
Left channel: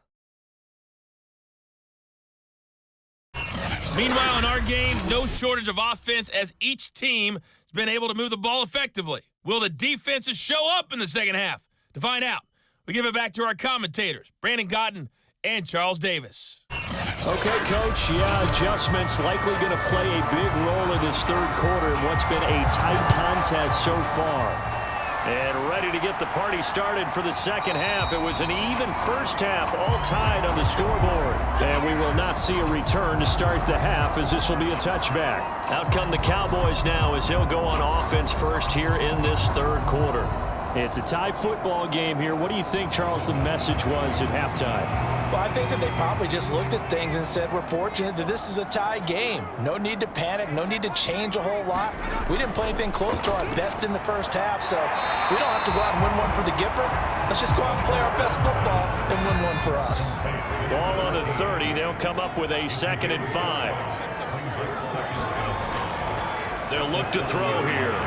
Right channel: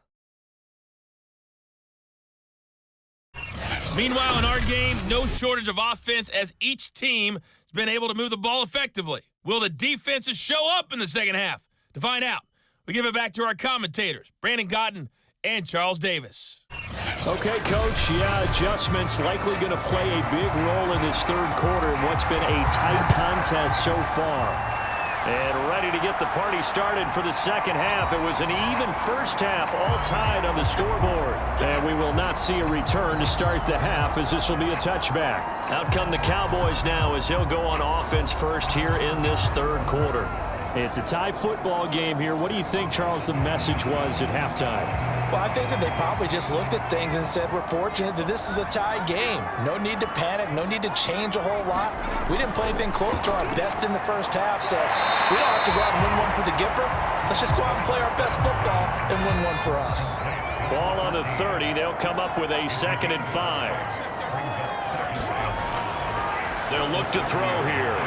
Meanwhile, in our game, no shortage of offense as each team has been able to move the ball effectively. Will the defenses show up in the second half? To find out, we give it back to our commentators, Brandon Cotton and Charles Davis. Okay, Coach, yeah, adjustments likely going to play a big role in this third quarter in what's been a tight contest so far. And ready to get the party started for the second half. It was an even first half, all tied on the scoreboard. And we will not see a return to start the half, as this will be a touchback. Out come the Cowboys now as they'll go on offense first here in this third quarter. It's a tie football game here. What do you think, Charles, the message was at halftime? Well, I think that they probably just looked at things and said, we're fortunate that this is a tie game. No need to panic, no need to change a whole lot. We didn't play anything close to our best in the first half, so we don't have to go out and win one for the Gipper. Let's just go out and play our best football and win one for us. Ball on the 30. They'll come up with a 2nd and 5. They'll look to throw here.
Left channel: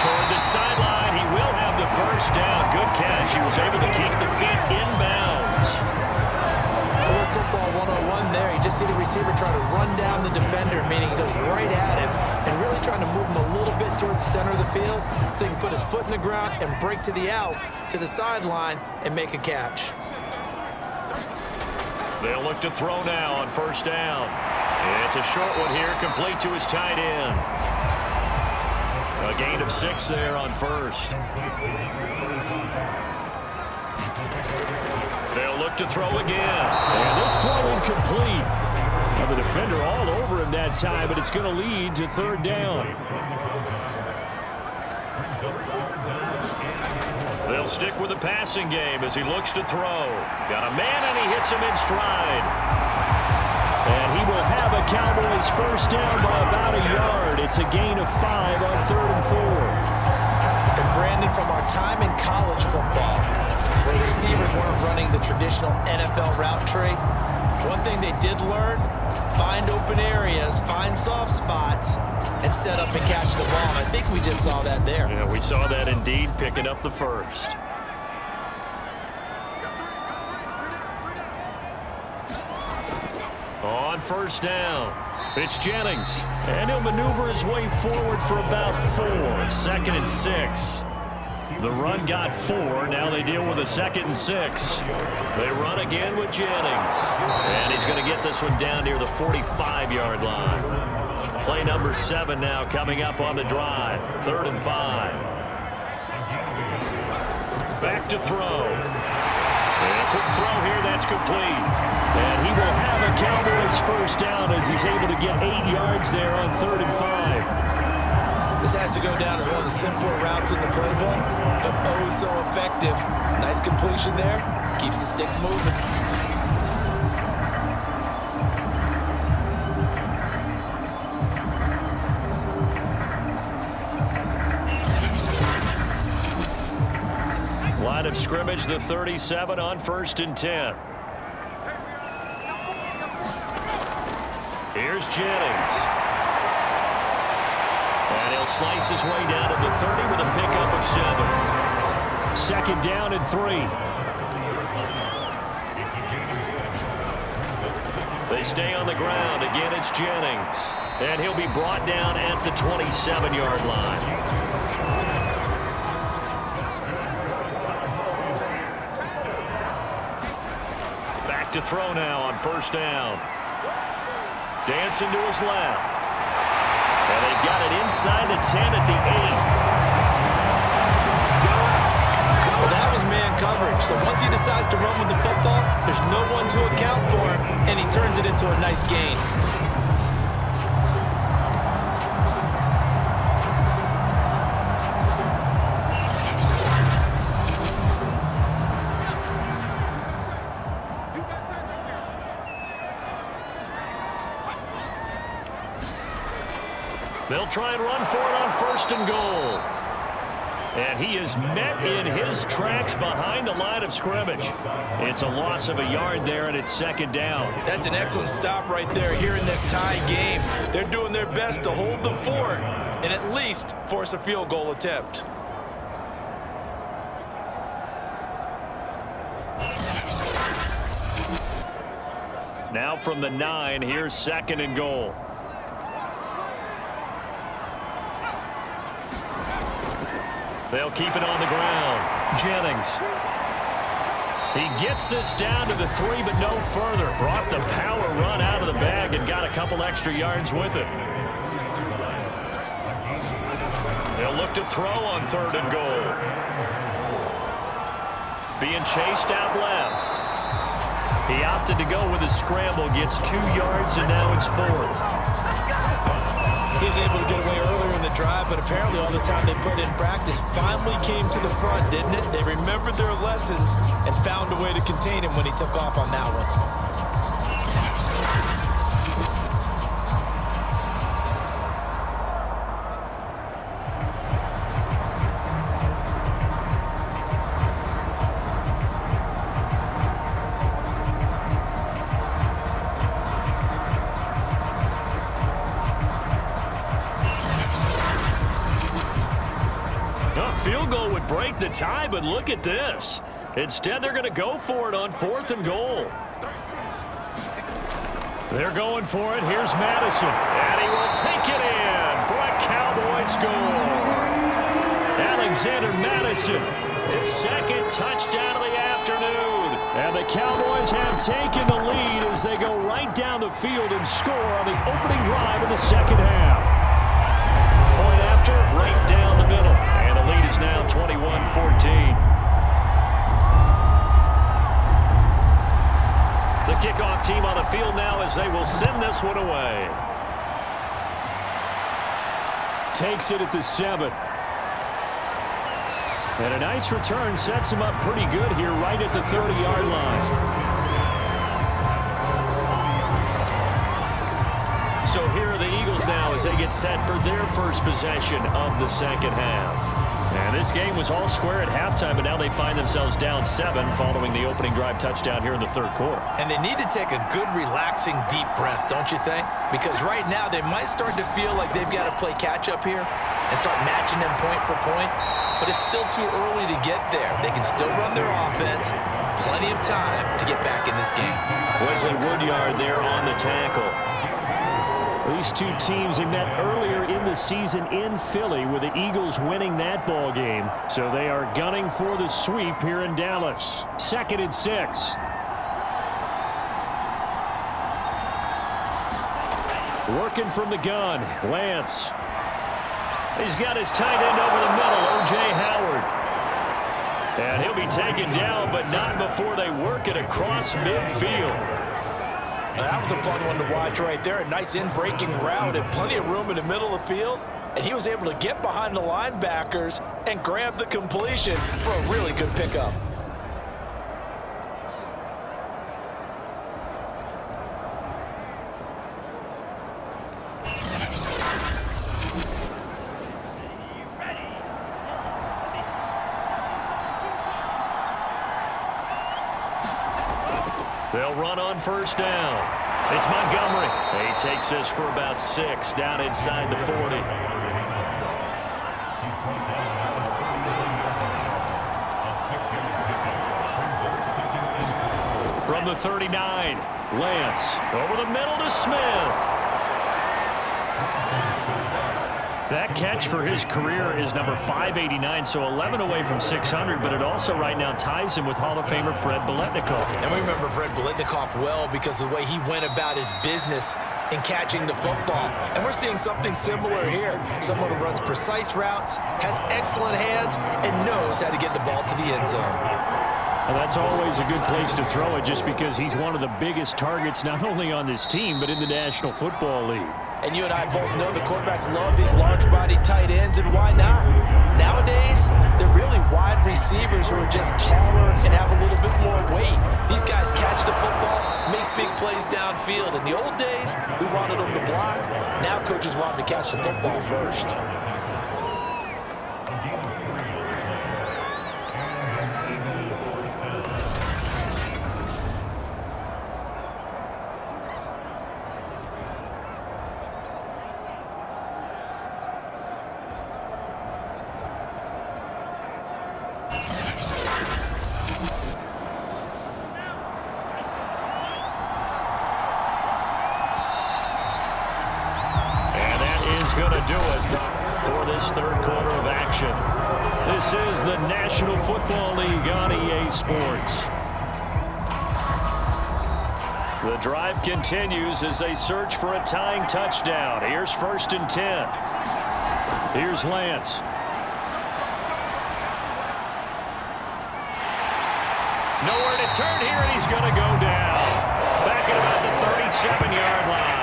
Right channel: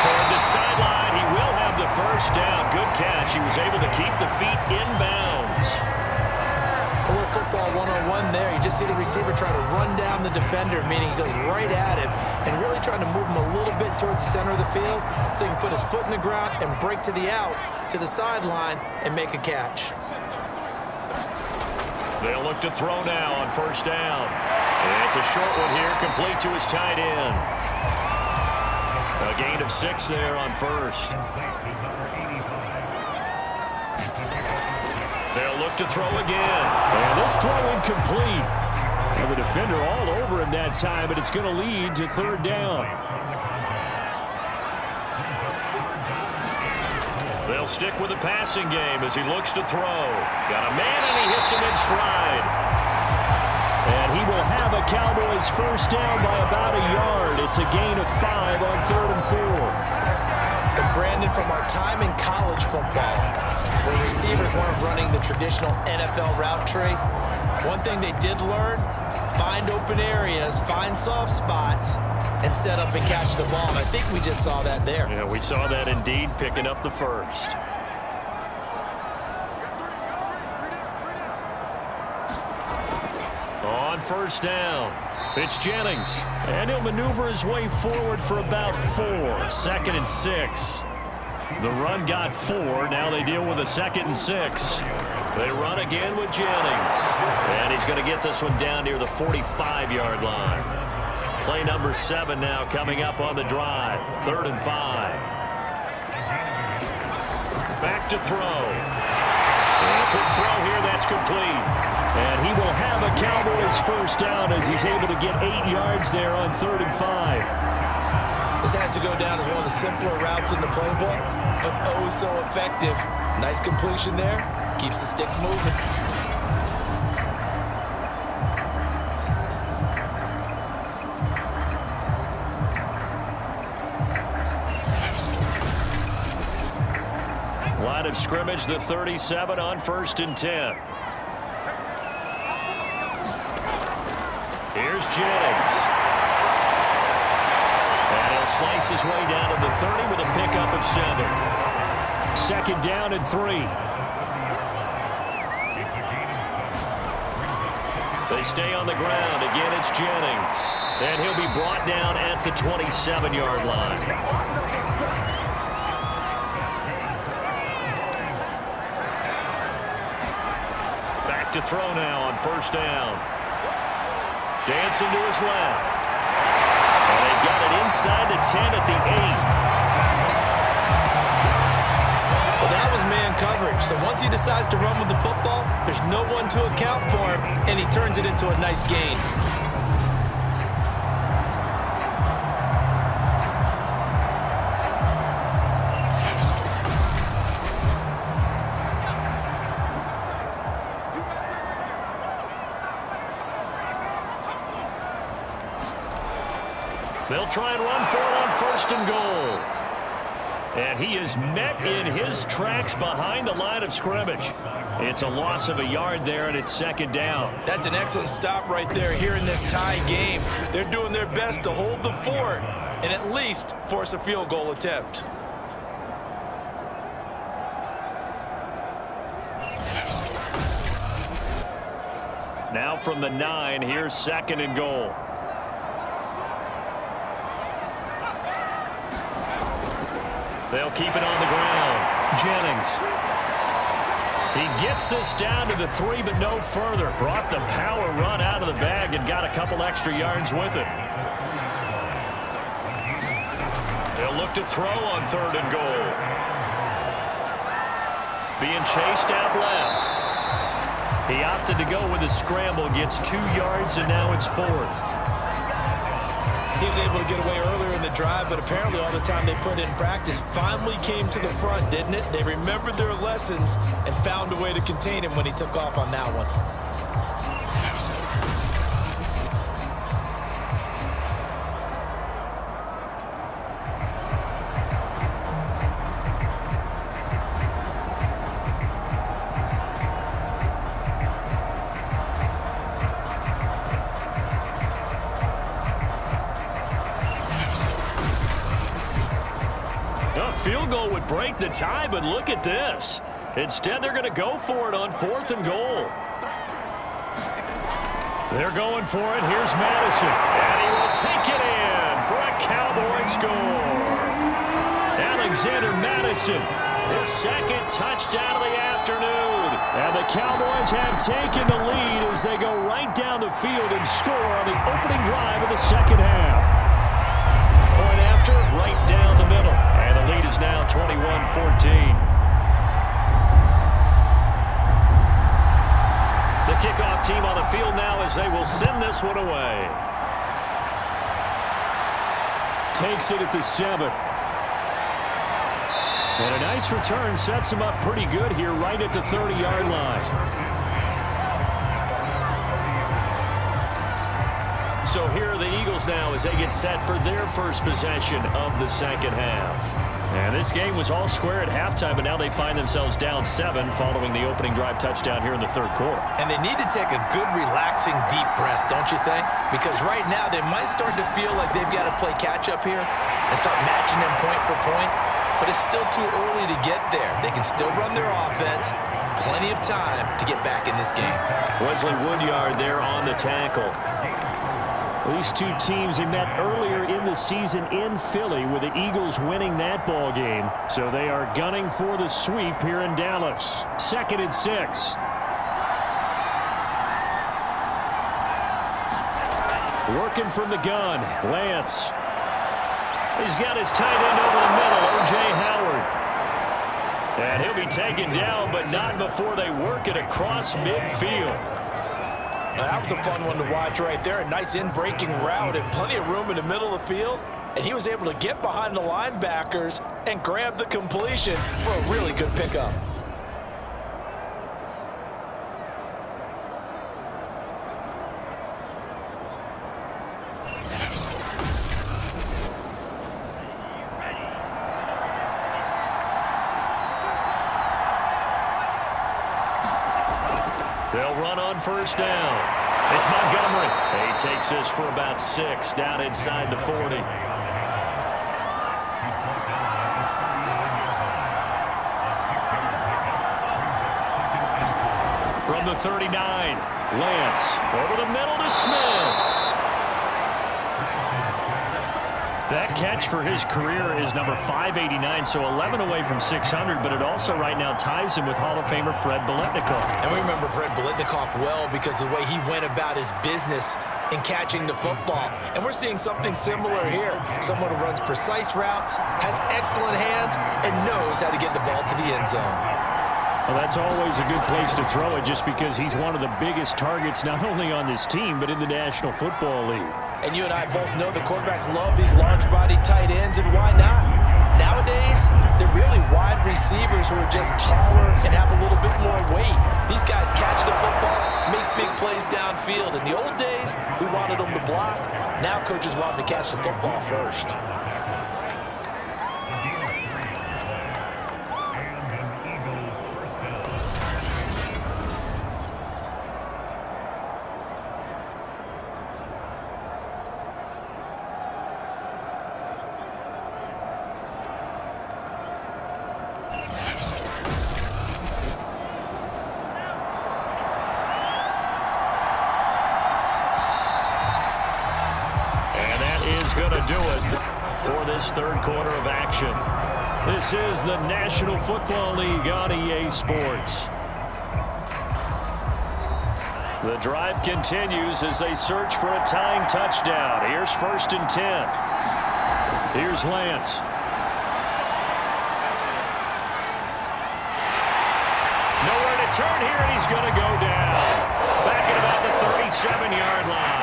Toward the sideline, he will have the first down. Good catch. He was able to keep the feet inbounds. A little football 101 there. You just see the receiver try to run down the defender, meaning he goes right at him and really trying to move him a little bit towards the center of the field so he can put his foot in the ground and break to the out, to the sideline, and make a catch. They'll look to throw now on 1st down. It's a short one here, complete to his tight end. A gain of 6 there on 1st. They'll look to throw again. And this throw incomplete. Now the defender all over him that time, but it's going to lead to 3rd down. They'll stick with the passing game as he looks to throw. Got a man, and he hits him in stride. And he will have a Cowboys first down by about a yard. It's a gain of 5 on 3rd and 4. And Brandon, from our time in college football, where receivers weren't running the traditional NFL route tree, one thing they did learn, find open areas, find soft spots, and set up and catch the ball. And I think we just saw that there. Yeah, we saw that indeed, picking up the first. On 1st down, it's Jennings. And he'll maneuver his way forward for about 4. 2nd and 6. The run got 4. Now they deal with a 2nd and 6. They run again with Jennings. And he's going to get this one down near the 45-yard line. Play number 7 now coming up on the drive. 3rd and 5. Back to throw. And a quick throw here. That's complete. And he will have a Cowboys first down as he's able to get 8 yards there on 3rd and 5. This has to go down as one of the simpler routes in the playbook, but oh so effective. Nice completion there. Keeps the sticks moving. Line of scrimmage, the 37 on 1st and 10. Here's Jennings. And he'll slice his way down to the 30 with a pickup of 7. 2nd down and 3. They stay on the ground. Again, it's Jennings. And he'll be brought down at the 27-yard line. Back to throw now on 1st down. Dancing to his left. And they've got it inside the 10 at the 8. Well, that was man coverage. So once he decides to run with the football, there's no one to account for him, and he turns it into a nice gain. They'll try and run for it on 1st and goal. And he is met in his tracks behind the line of scrimmage. It's a loss of a yard there, and it's 2nd down. That's an excellent stop right there here in this tie game. They're doing their best to hold the fort and at least force a field goal attempt. Now from the 9, here's 2nd and goal. They'll keep it on the ground. Jennings. He gets this down to the 3, but no further. Brought the power run out of the bag and got a couple extra yards with it. They'll look to throw on 3rd and goal. Being chased out left. He opted to go with a scramble, gets 2 yards, and now it's 4th. He was able to get away earlier in the drive, but apparently all the time they put in practice finally came to the front, didn't it? They remembered their lessons and found a way to contain him when he took off on that one. field goal would break the tie, but look at this. Instead, they're going to go for it on 4th and goal. They're going for it. Here's Madison. And he will take it in for a Cowboy score. Alexander Madison, his second touchdown of the afternoon. And the Cowboys have taken the lead as they go right down the field and score on the opening drive of the second half. Point after, right down the middle. And the lead is now 21-14. The kickoff team on the field now as they will send this one away. Takes it at the 7. And a nice return sets him up pretty good here right at the 30-yard line. So here are the Eagles now as they get set for their first possession of the second half. And this game was all square at halftime, but now they find themselves down 7 following the opening drive touchdown here in the third quarter. And they need to take a good, relaxing, deep breath, don't you think? Because right now they might start to feel like they've got to play catch-up here and start matching them point for point. But it's still too early to get there. They can still run their offense. Plenty of time to get back in this game. Wesley Woodyard there on the tackle. These two teams, they met earlier in the season in Philly with the Eagles winning that ball game. So they are gunning for the sweep here in Dallas. 2nd and 6. Working from the gun, Lance. He's got his tight end over the middle, O.J. Howard. And he'll be taken down, but not before they work it across midfield. That was a fun one to watch right there. A nice in-breaking route and plenty of room in the middle of the field. And he was able to get behind the linebackers and grab the completion for a really good pickup. They'll run on first down. It's Montgomery. He takes this for about 6 down inside the 40. From the 39, Lance over the middle to Smith. That catch for his career is number 589, so 11 away from 600, but it also right now ties him with Hall of Famer Fred Biletnikoff. And we remember Fred Biletnikoff well because of the way he went about his business in catching the football. And we're seeing something similar here. Someone who runs precise routes, has excellent hands, and knows how to get the ball to the end zone. Well, that's always a good place to throw it just because he's one of the biggest targets not only on this team but in the National Football League. And you and I both know the quarterbacks love these large-body tight ends, and why not? Nowadays, they're really wide receivers who are just taller and have a little bit more weight. These guys catch the football, make big plays downfield. In the old days, we wanted them to block. Now coaches want them to catch the football first. Going to do it for this third quarter of action. This is the National Football League on EA Sports. The drive continues as they search for a tying touchdown. Here's 1st and 10. Here's Lance. Nowhere to turn here, and he's going to go down. Back at about the 37-yard line.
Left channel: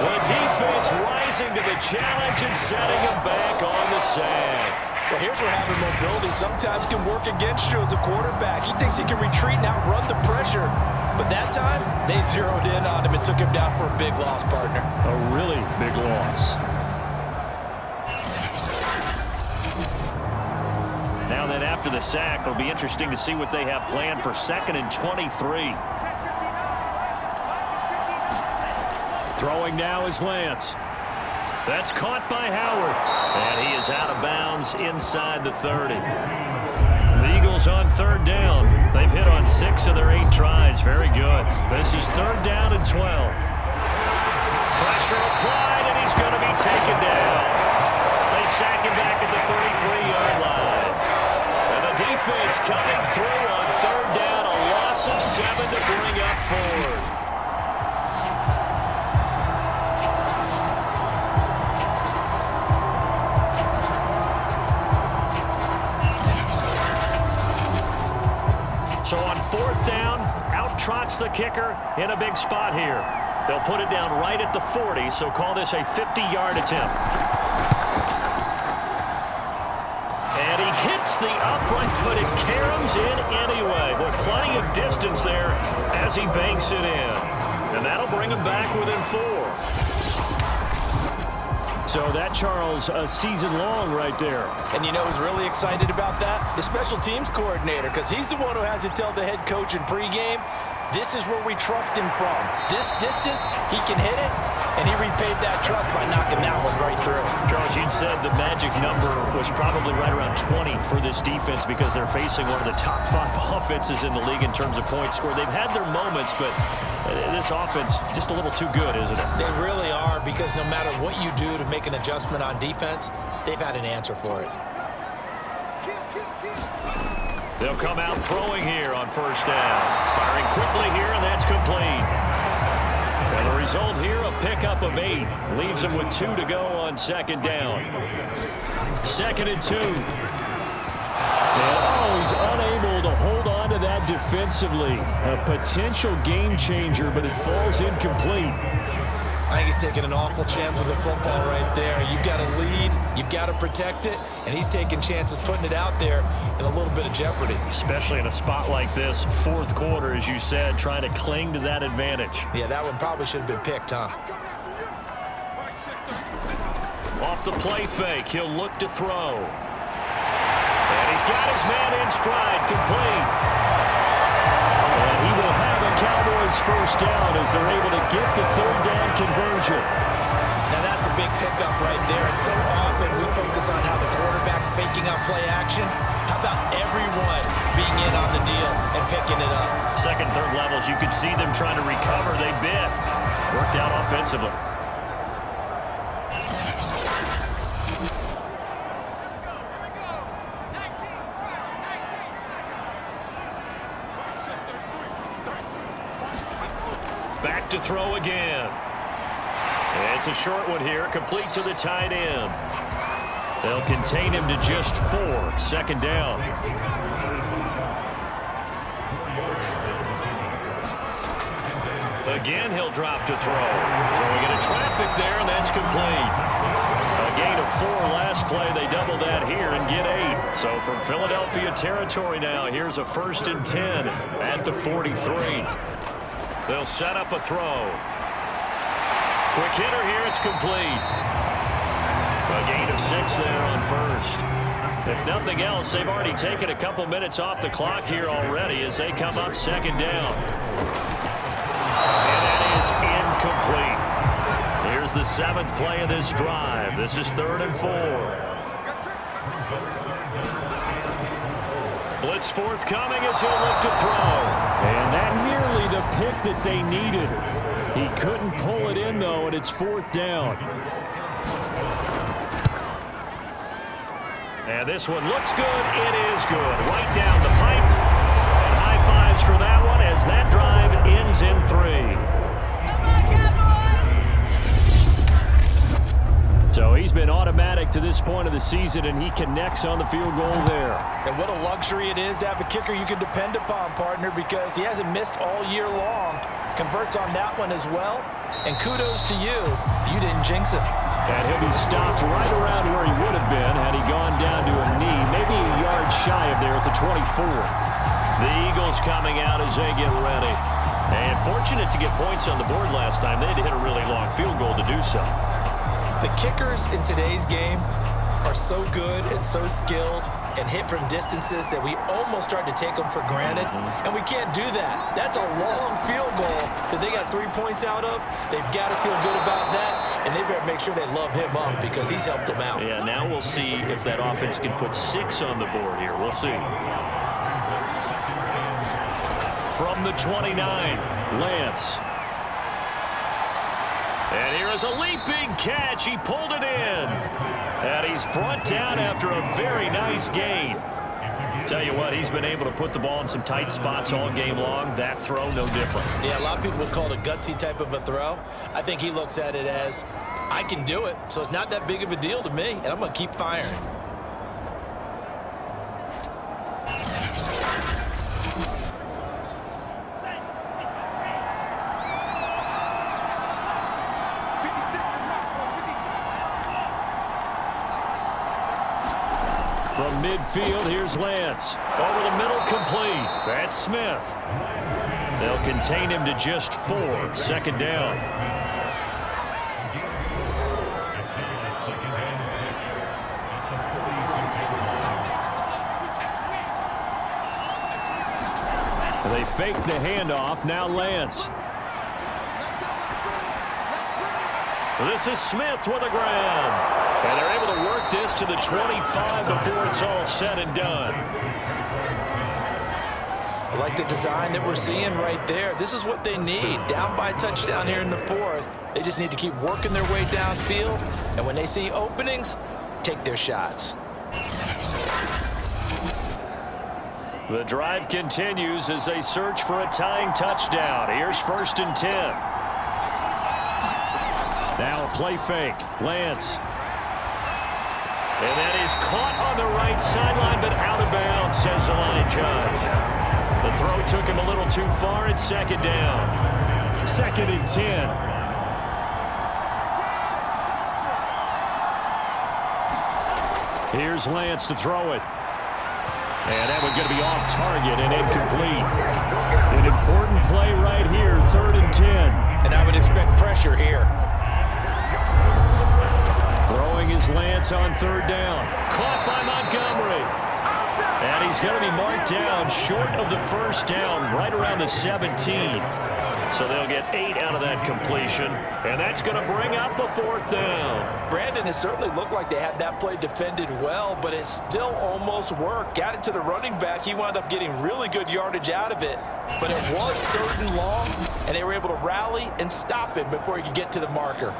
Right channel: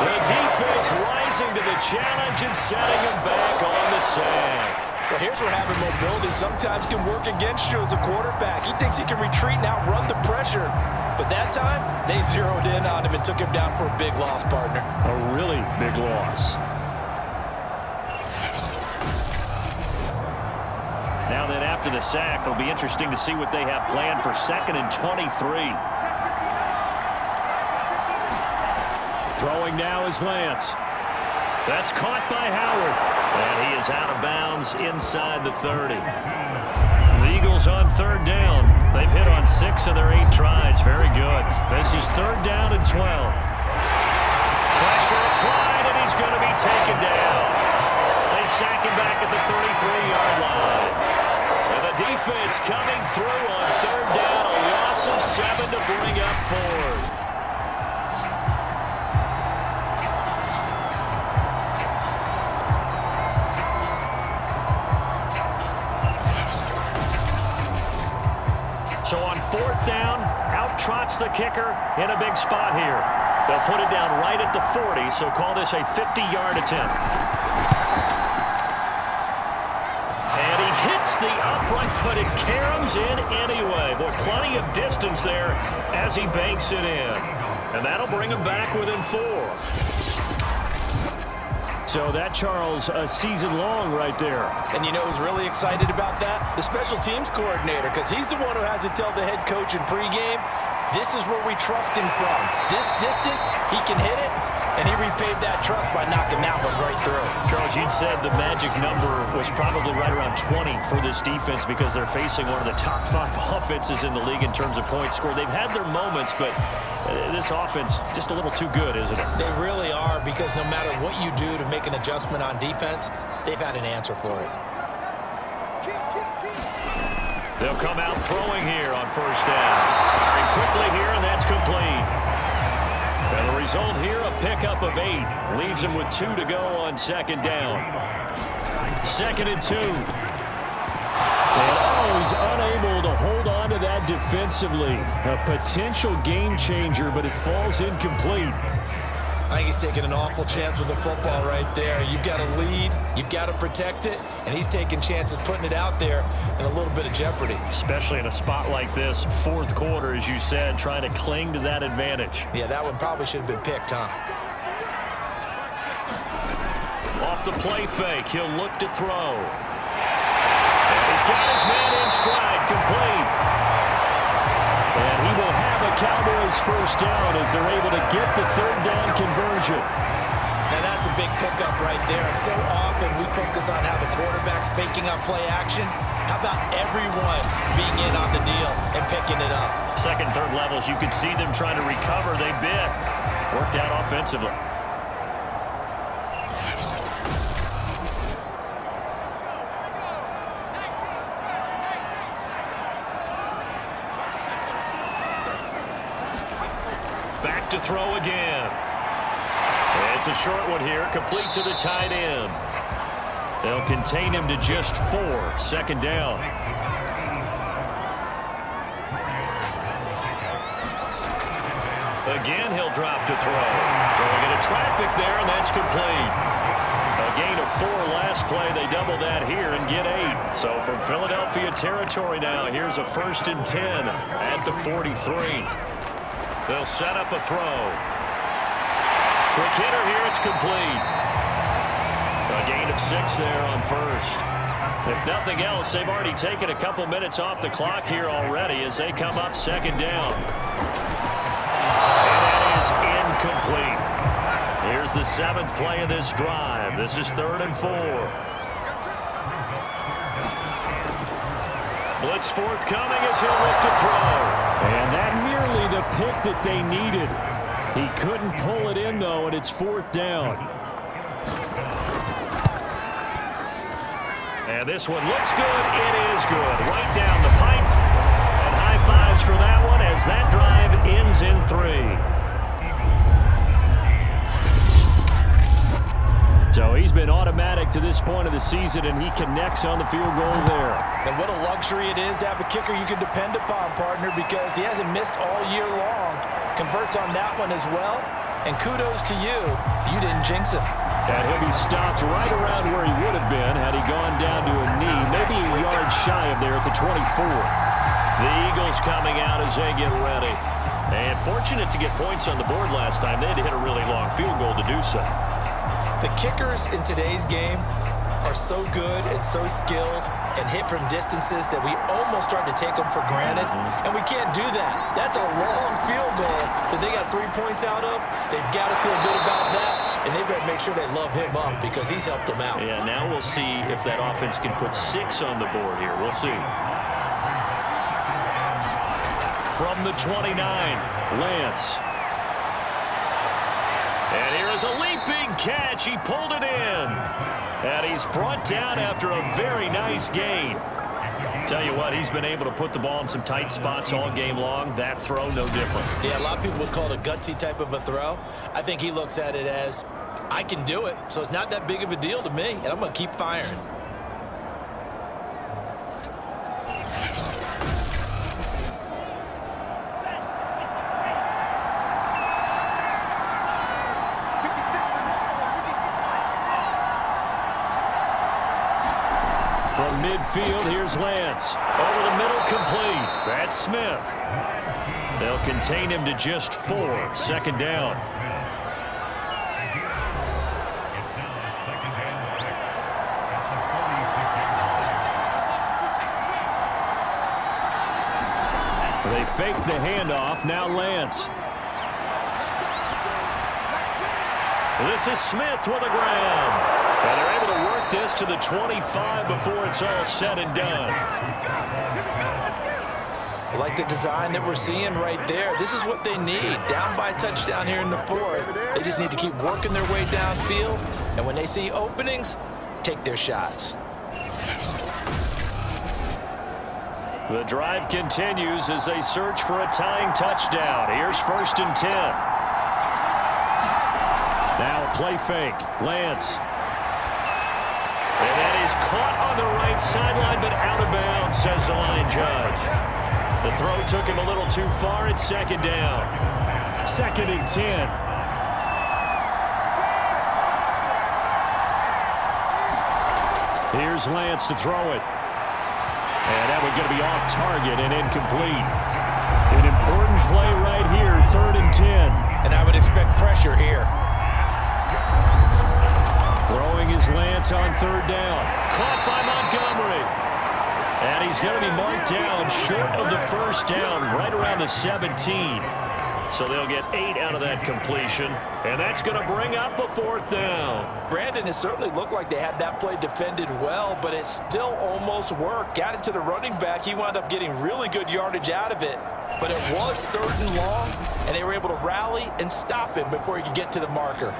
The defense rising to the challenge and setting him back on the sack. Well, here's where having mobility sometimes can work against you as a quarterback. He thinks he can retreat and outrun the pressure. But that time, they zeroed in on him and took him down for a big loss, partner. A really big loss. Now then, after the sack, it'll be interesting to see what they have planned for 2nd and 23. Throwing now is Lance. That's caught by Howard. And he is out of bounds inside the 30. The Eagles on third down. They've hit on 6 of their 8 tries. Very good. This is third down and 12. Pressure applied, and he's going to be taken down. They sack him back at the 33-yard line. And the defense coming through on third down. A loss of 7 to bring up fourth. So on fourth down, out trots the kicker in a big spot here. They'll put it down right at the 40, so call this a 50-yard attempt. And he hits the upright, but it caroms in anyway. Boy, plenty of distance there as he banks it in. And that'll bring him back within 4. So that, Charles, a season long right there. And you know who's really excited about that? The special teams coordinator, because he's the one who has to tell the head coach in pregame, this is where we trust him from. This distance, he can hit it, and he repaid that trust by knocking that one right through. Charles, you'd said the magic number was probably right around 20 for this defense because they're facing one of the top 5 offenses in the league in terms of points scored. They've had their moments, but this offense just a little too good, isn't it? They really are, because no matter what you do to make an adjustment on defense, they've had an answer for it. They'll come out throwing here on first down. Firing quickly here, and that's complete. And the result here, a pickup of 8. Leaves them with 2 to go on second down. 2nd and 2. And he's unable to hold on to that defensively. A potential game changer, but it falls incomplete. I think he's taking an awful chance with the football right there. You've got to lead, you've got to protect it, and he's taking chances putting it out there in a little bit of jeopardy. Especially in a spot like this, fourth quarter, as you said, trying to cling to that advantage. Yeah, that one probably should have been picked, huh? Off the play fake, he'll look to throw. And he's got his man in stride, complete. And he will have a Cowboys first down as they're able to get the third down conversion. Now that's a big pickup right there. And so often we focus on how the quarterback's faking out play action. How about everyone being in on the deal and picking it up? Second, third levels, you could see them trying to recover. They bit. Worked out offensively. Back to throw again. It's a short one here, complete to the tight end. They'll contain him to just 4. Second down. Again, he'll drop to throw. Throwing into traffic there, and that's complete. A gain of 4 last play. They double that here and get 8. So from Philadelphia territory now, here's a 1st and 10 at the 43. They'll set up a throw. Quick hitter here, it's complete. A gain of 6 there on first. If nothing else, they've already taken a couple minutes off the clock here already as they come up second down. And that is incomplete. Here's the 7th play of this drive. This is 3rd and 4. Blitz forthcoming as he'll look to throw. And that nearly the pick that they needed. He couldn't pull it in, though, and it's 4th down. And this one looks good. It is good. Right down the pipe. And high fives for that one as that drive ends in 3. So he's been automatic to this point of the season, and he connects on the field goal there. And what a luxury it is to have a kicker you can depend upon, partner, because he hasn't missed all year long. Converts on that one as well. And kudos to you. You didn't jinx him. And he'll be stopped right around where he would have been had he gone down to a knee, maybe a yard shy of there at the 24. The Eagles coming out as they get ready. And fortunate to get points on the board last time. They had to hit a really long field goal to do so. The kickers in today's game are so good and so skilled and hit from distances that we almost start to take them for granted, and we can't do that. That's a long field goal that that they got 3 points out of, they've got to feel good about that, and they better make sure they love him up because he's helped them out. Yeah, now we'll see if that offense can put 6 on the board here. We'll see. From the 29, Lance. And here is a leaping catch. He pulled it in. And he's brought down after a very nice gain. Tell you what, he's been able to put the ball in some tight spots all game long. That throw, no different. Yeah, a lot of people would call it a gutsy type of a throw. I think he looks at it as, I can do it, so it's not that big of a deal to me, and I'm going to keep firing. From midfield, here's Lance. Over the middle, complete. That's Smith. They'll contain him to just 4. Second down. They fake the handoff. Now Lance. This is Smith with a grab. And they're able to work this to the 25 before it's all said and done. I like the design that we're seeing right there. This is what they need. Down by a touchdown here in the 4th. They just need to keep working their way downfield. And when they see openings, take their shots. The drive continues as they search for a tying touchdown. Here's 1st and 10. Now a play fake. Lance. And that is caught on the right sideline, but out of bounds, says the line judge. The throw took him a little too far. It's 2nd down. 2nd and 10. Here's Lance to throw it. And that one's going to be off target and incomplete. An important play right here, 3rd and 10. And I would expect pressure here. Throwing his Lance on 3rd down. Caught by Montgomery. And he's going to be marked down short of the 1st down, right around the 17. So they'll get 8 out of that completion. And that's going to bring up a 4th down. Brandon, it certainly looked like they had that play defended well, but it still almost worked. Got it to the running back. He wound up getting really good yardage out of it. But it was 3rd and long, and they were able to rally and stop him before he could get to the marker.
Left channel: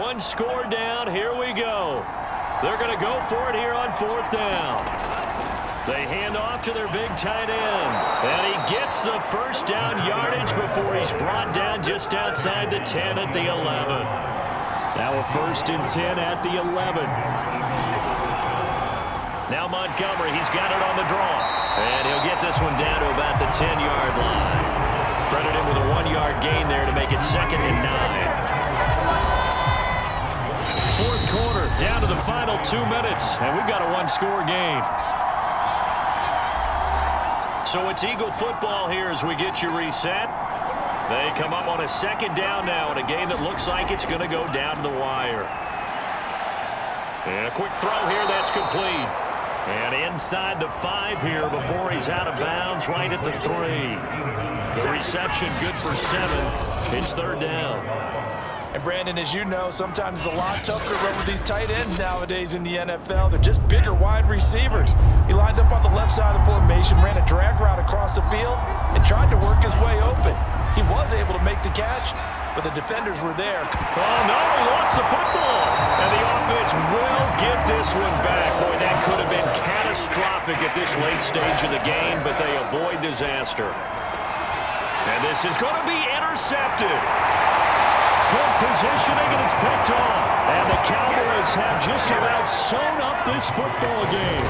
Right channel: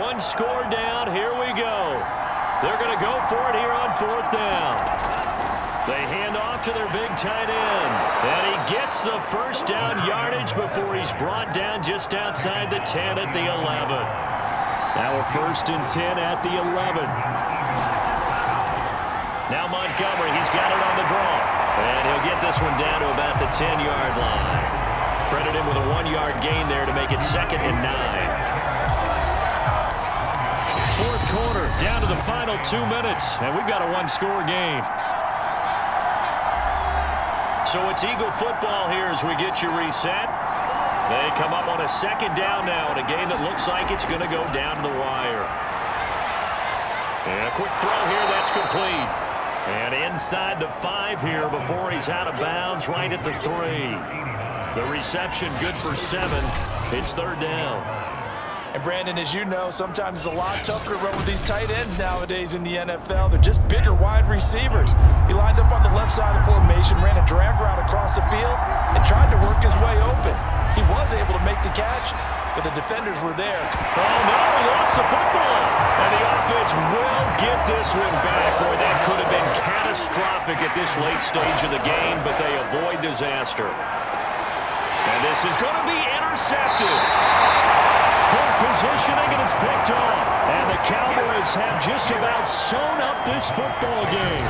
One score down. Here we go. They're going to go for it here on 4th down. They hand off to their big tight end. And he gets the 1st down yardage before he's brought down just outside the 10 at the 11. Now a 1st and 10 at the 11. Now Montgomery, he's got it on the draw. And he'll get this one down to about the 10-yard line. Credit him with a 1-yard gain there to make it 2nd and 9. 4th quarter, down to the final 2 minutes, and we've got a 1-score game. So it's Eagle football here as we get you reset. They come up on a 2nd down now in a game that looks like it's going to go down to the wire. And a quick throw here, that's complete. And inside the 5 here before he's out of bounds, right at the 3. The reception good for 7. It's 3rd down. And Brandon, as you know, sometimes it's a lot tougher to run with these tight ends nowadays in the NFL. They're just bigger wide receivers. He lined up on the left side of the formation, ran a drag route across the field, and tried to work his way open. He was able to make the catch, but the defenders were there. Oh, no, he lost the football. And the offense will get this one back. Boy, that could have been catastrophic at this late stage of the game, but they avoid disaster. And this is going to be intercepted. Good positioning, and it's picked off. And the Cowboys have just about sewn up this football game.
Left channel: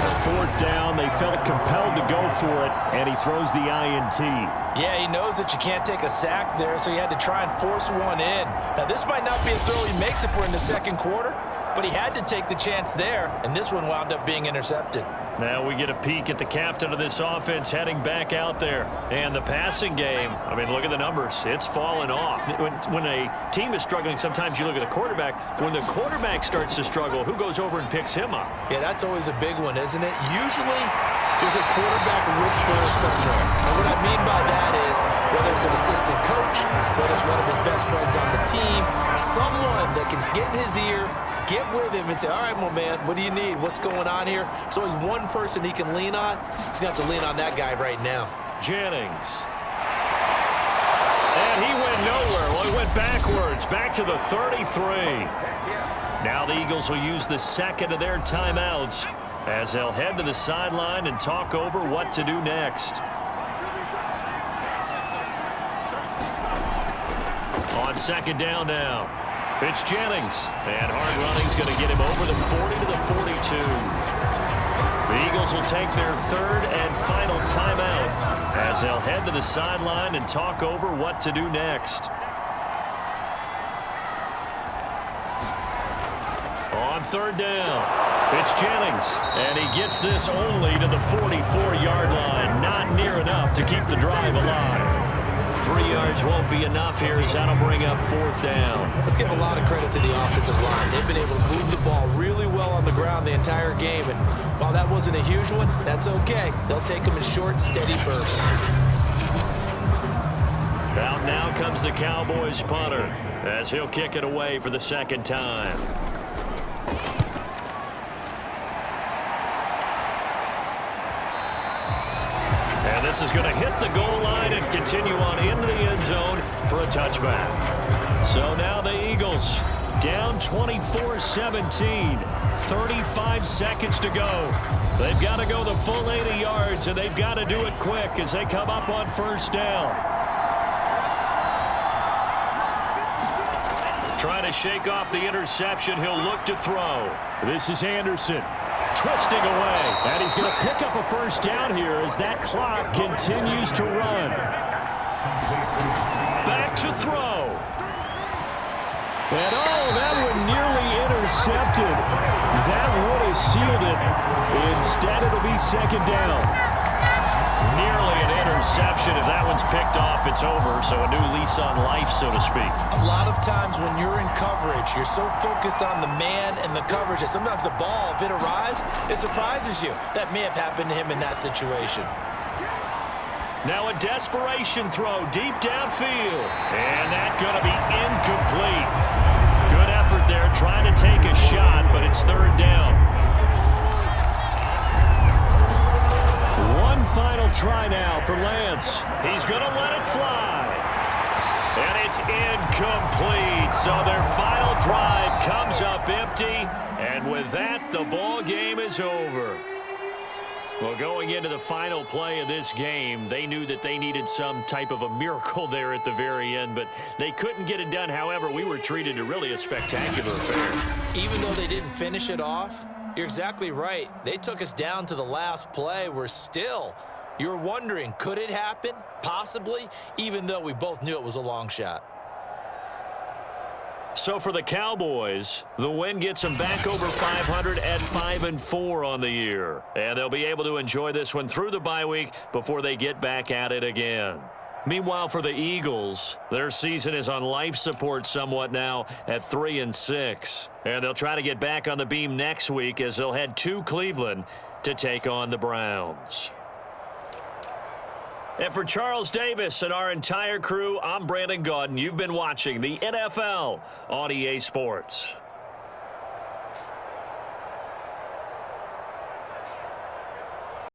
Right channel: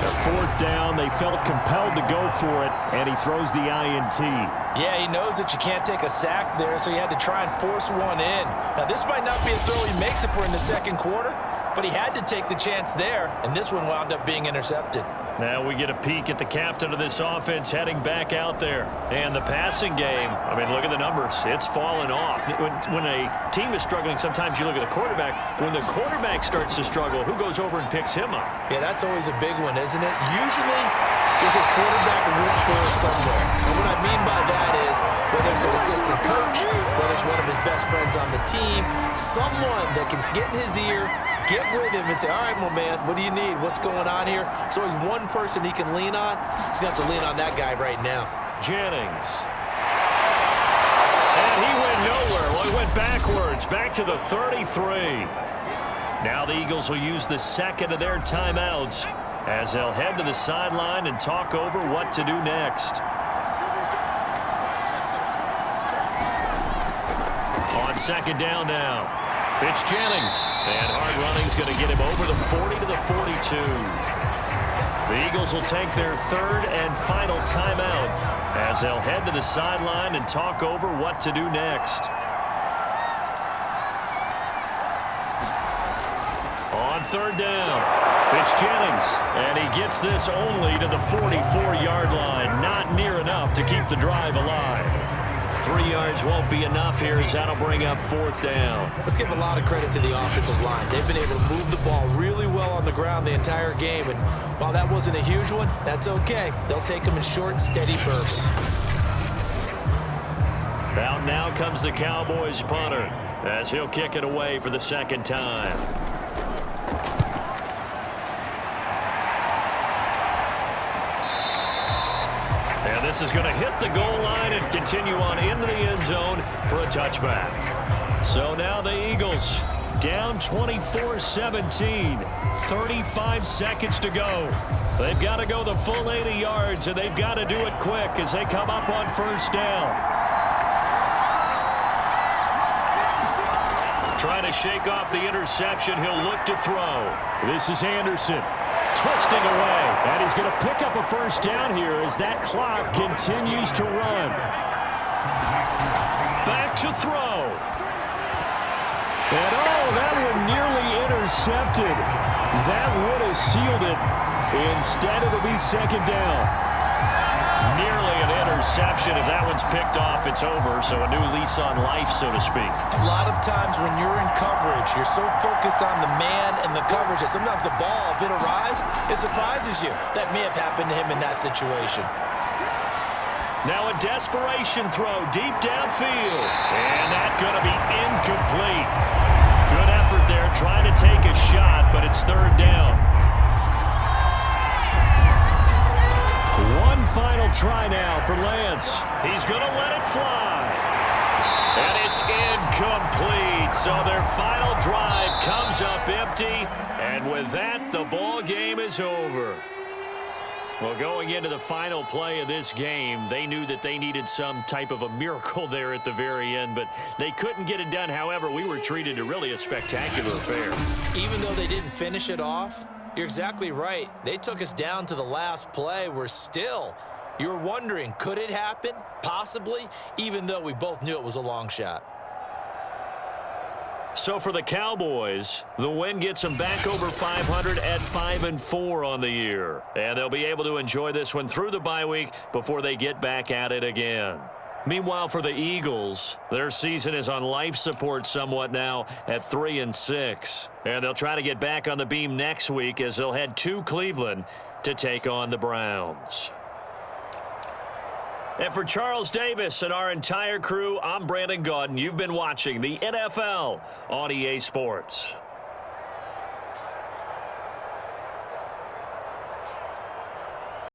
The 4th down, they felt compelled to go for it, and he throws the INT. Yeah, he knows that you can't take a sack there, so he had to try and force one in. Now, this might not be a throw he makes if we're in the 2nd quarter, but he had to take the chance there, and this one wound up being intercepted. Now we get a peek at the captain of this offense heading back out there. And the passing game, I mean, look at the numbers. It's fallen off. When a team is struggling, sometimes you look at the quarterback. When the quarterback starts to struggle, who goes over and picks him up? Yeah, that's always a big one, isn't it? Usually, there's a quarterback whisperer somewhere. And what I mean by that is, whether it's an assistant coach, whether it's one of his best friends on the team, someone that can get in his ear, get with him and say, all right, my man, what do you need? What's going on here? There's always one person he can lean on. He's going to have to lean on that guy right now. Jennings. And he went nowhere. Well, he went backwards, back to the 33. Now the Eagles will use the second of their timeouts as they'll head to the sideline and talk over what to do next. On second down now. It's Jennings, and hard running's going to get him over the 40 to the 42. The Eagles will take their third and final timeout as they'll head to the sideline and talk over what to do next. On third down, it's Jennings, and he gets this only to the 44-yard line. Not near enough to keep the drive alive. 3 yards won't be enough here as that'll bring up fourth down. Let's give a lot of credit to the offensive line. They've been able to move the ball really well on the ground the entire game, and while that wasn't a huge one, that's okay. They'll take them in short, steady bursts. Out now comes the Cowboys punter as he'll kick it away for the second time. And this is going to hit the goal line and continue on into the end zone for a touchback. So now the Eagles down 24-17, 35 seconds to go. They've got to go the full 80 yards, and they've got to do it quick as they come up on first down. Trying to shake off the interception, he'll look to throw. This is Anderson. Twisting away, and he's going to pick up a first down here as that clock continues to run. Back to throw. And oh, that one nearly intercepted. That would have sealed it. Instead, it'll be second down. Nearly an interception. If that one's picked off, it's over. So a new lease on life, so to speak. A lot of times when you're in coverage, you're so focused on the man and the coverage that sometimes the ball, if it arrives, it surprises you. That may have happened to him in that situation. Now a desperation throw deep downfield. And that's going to be incomplete. Good effort there trying to take a shot, but it's third down. One final try now for Lance. He's going to let it fly. And it's incomplete. So their final drive comes up empty. And with that, the ball game is over. Well, going into the final play of this game, they knew that they needed some type of a miracle there at the very end, but they couldn't get it done. However, we were treated to really a spectacular affair. Even though they didn't finish it off, you're exactly right. They took us down to the last play. We're still, you're wondering, could it happen? Possibly, even though we both knew it was a long shot. So for the Cowboys, the win gets them back over 500 at 5-4 on the year. And they'll be able to enjoy this one through the bye week before they get back at it again. Meanwhile, for the Eagles, their season is on life support somewhat now at 3-6. And they'll try to get back on the beam next week as they'll head to Cleveland to take on the Browns. And for Charles Davis and our entire crew, I'm Brandon Gaudin. You've been watching the NFL on EA Sports.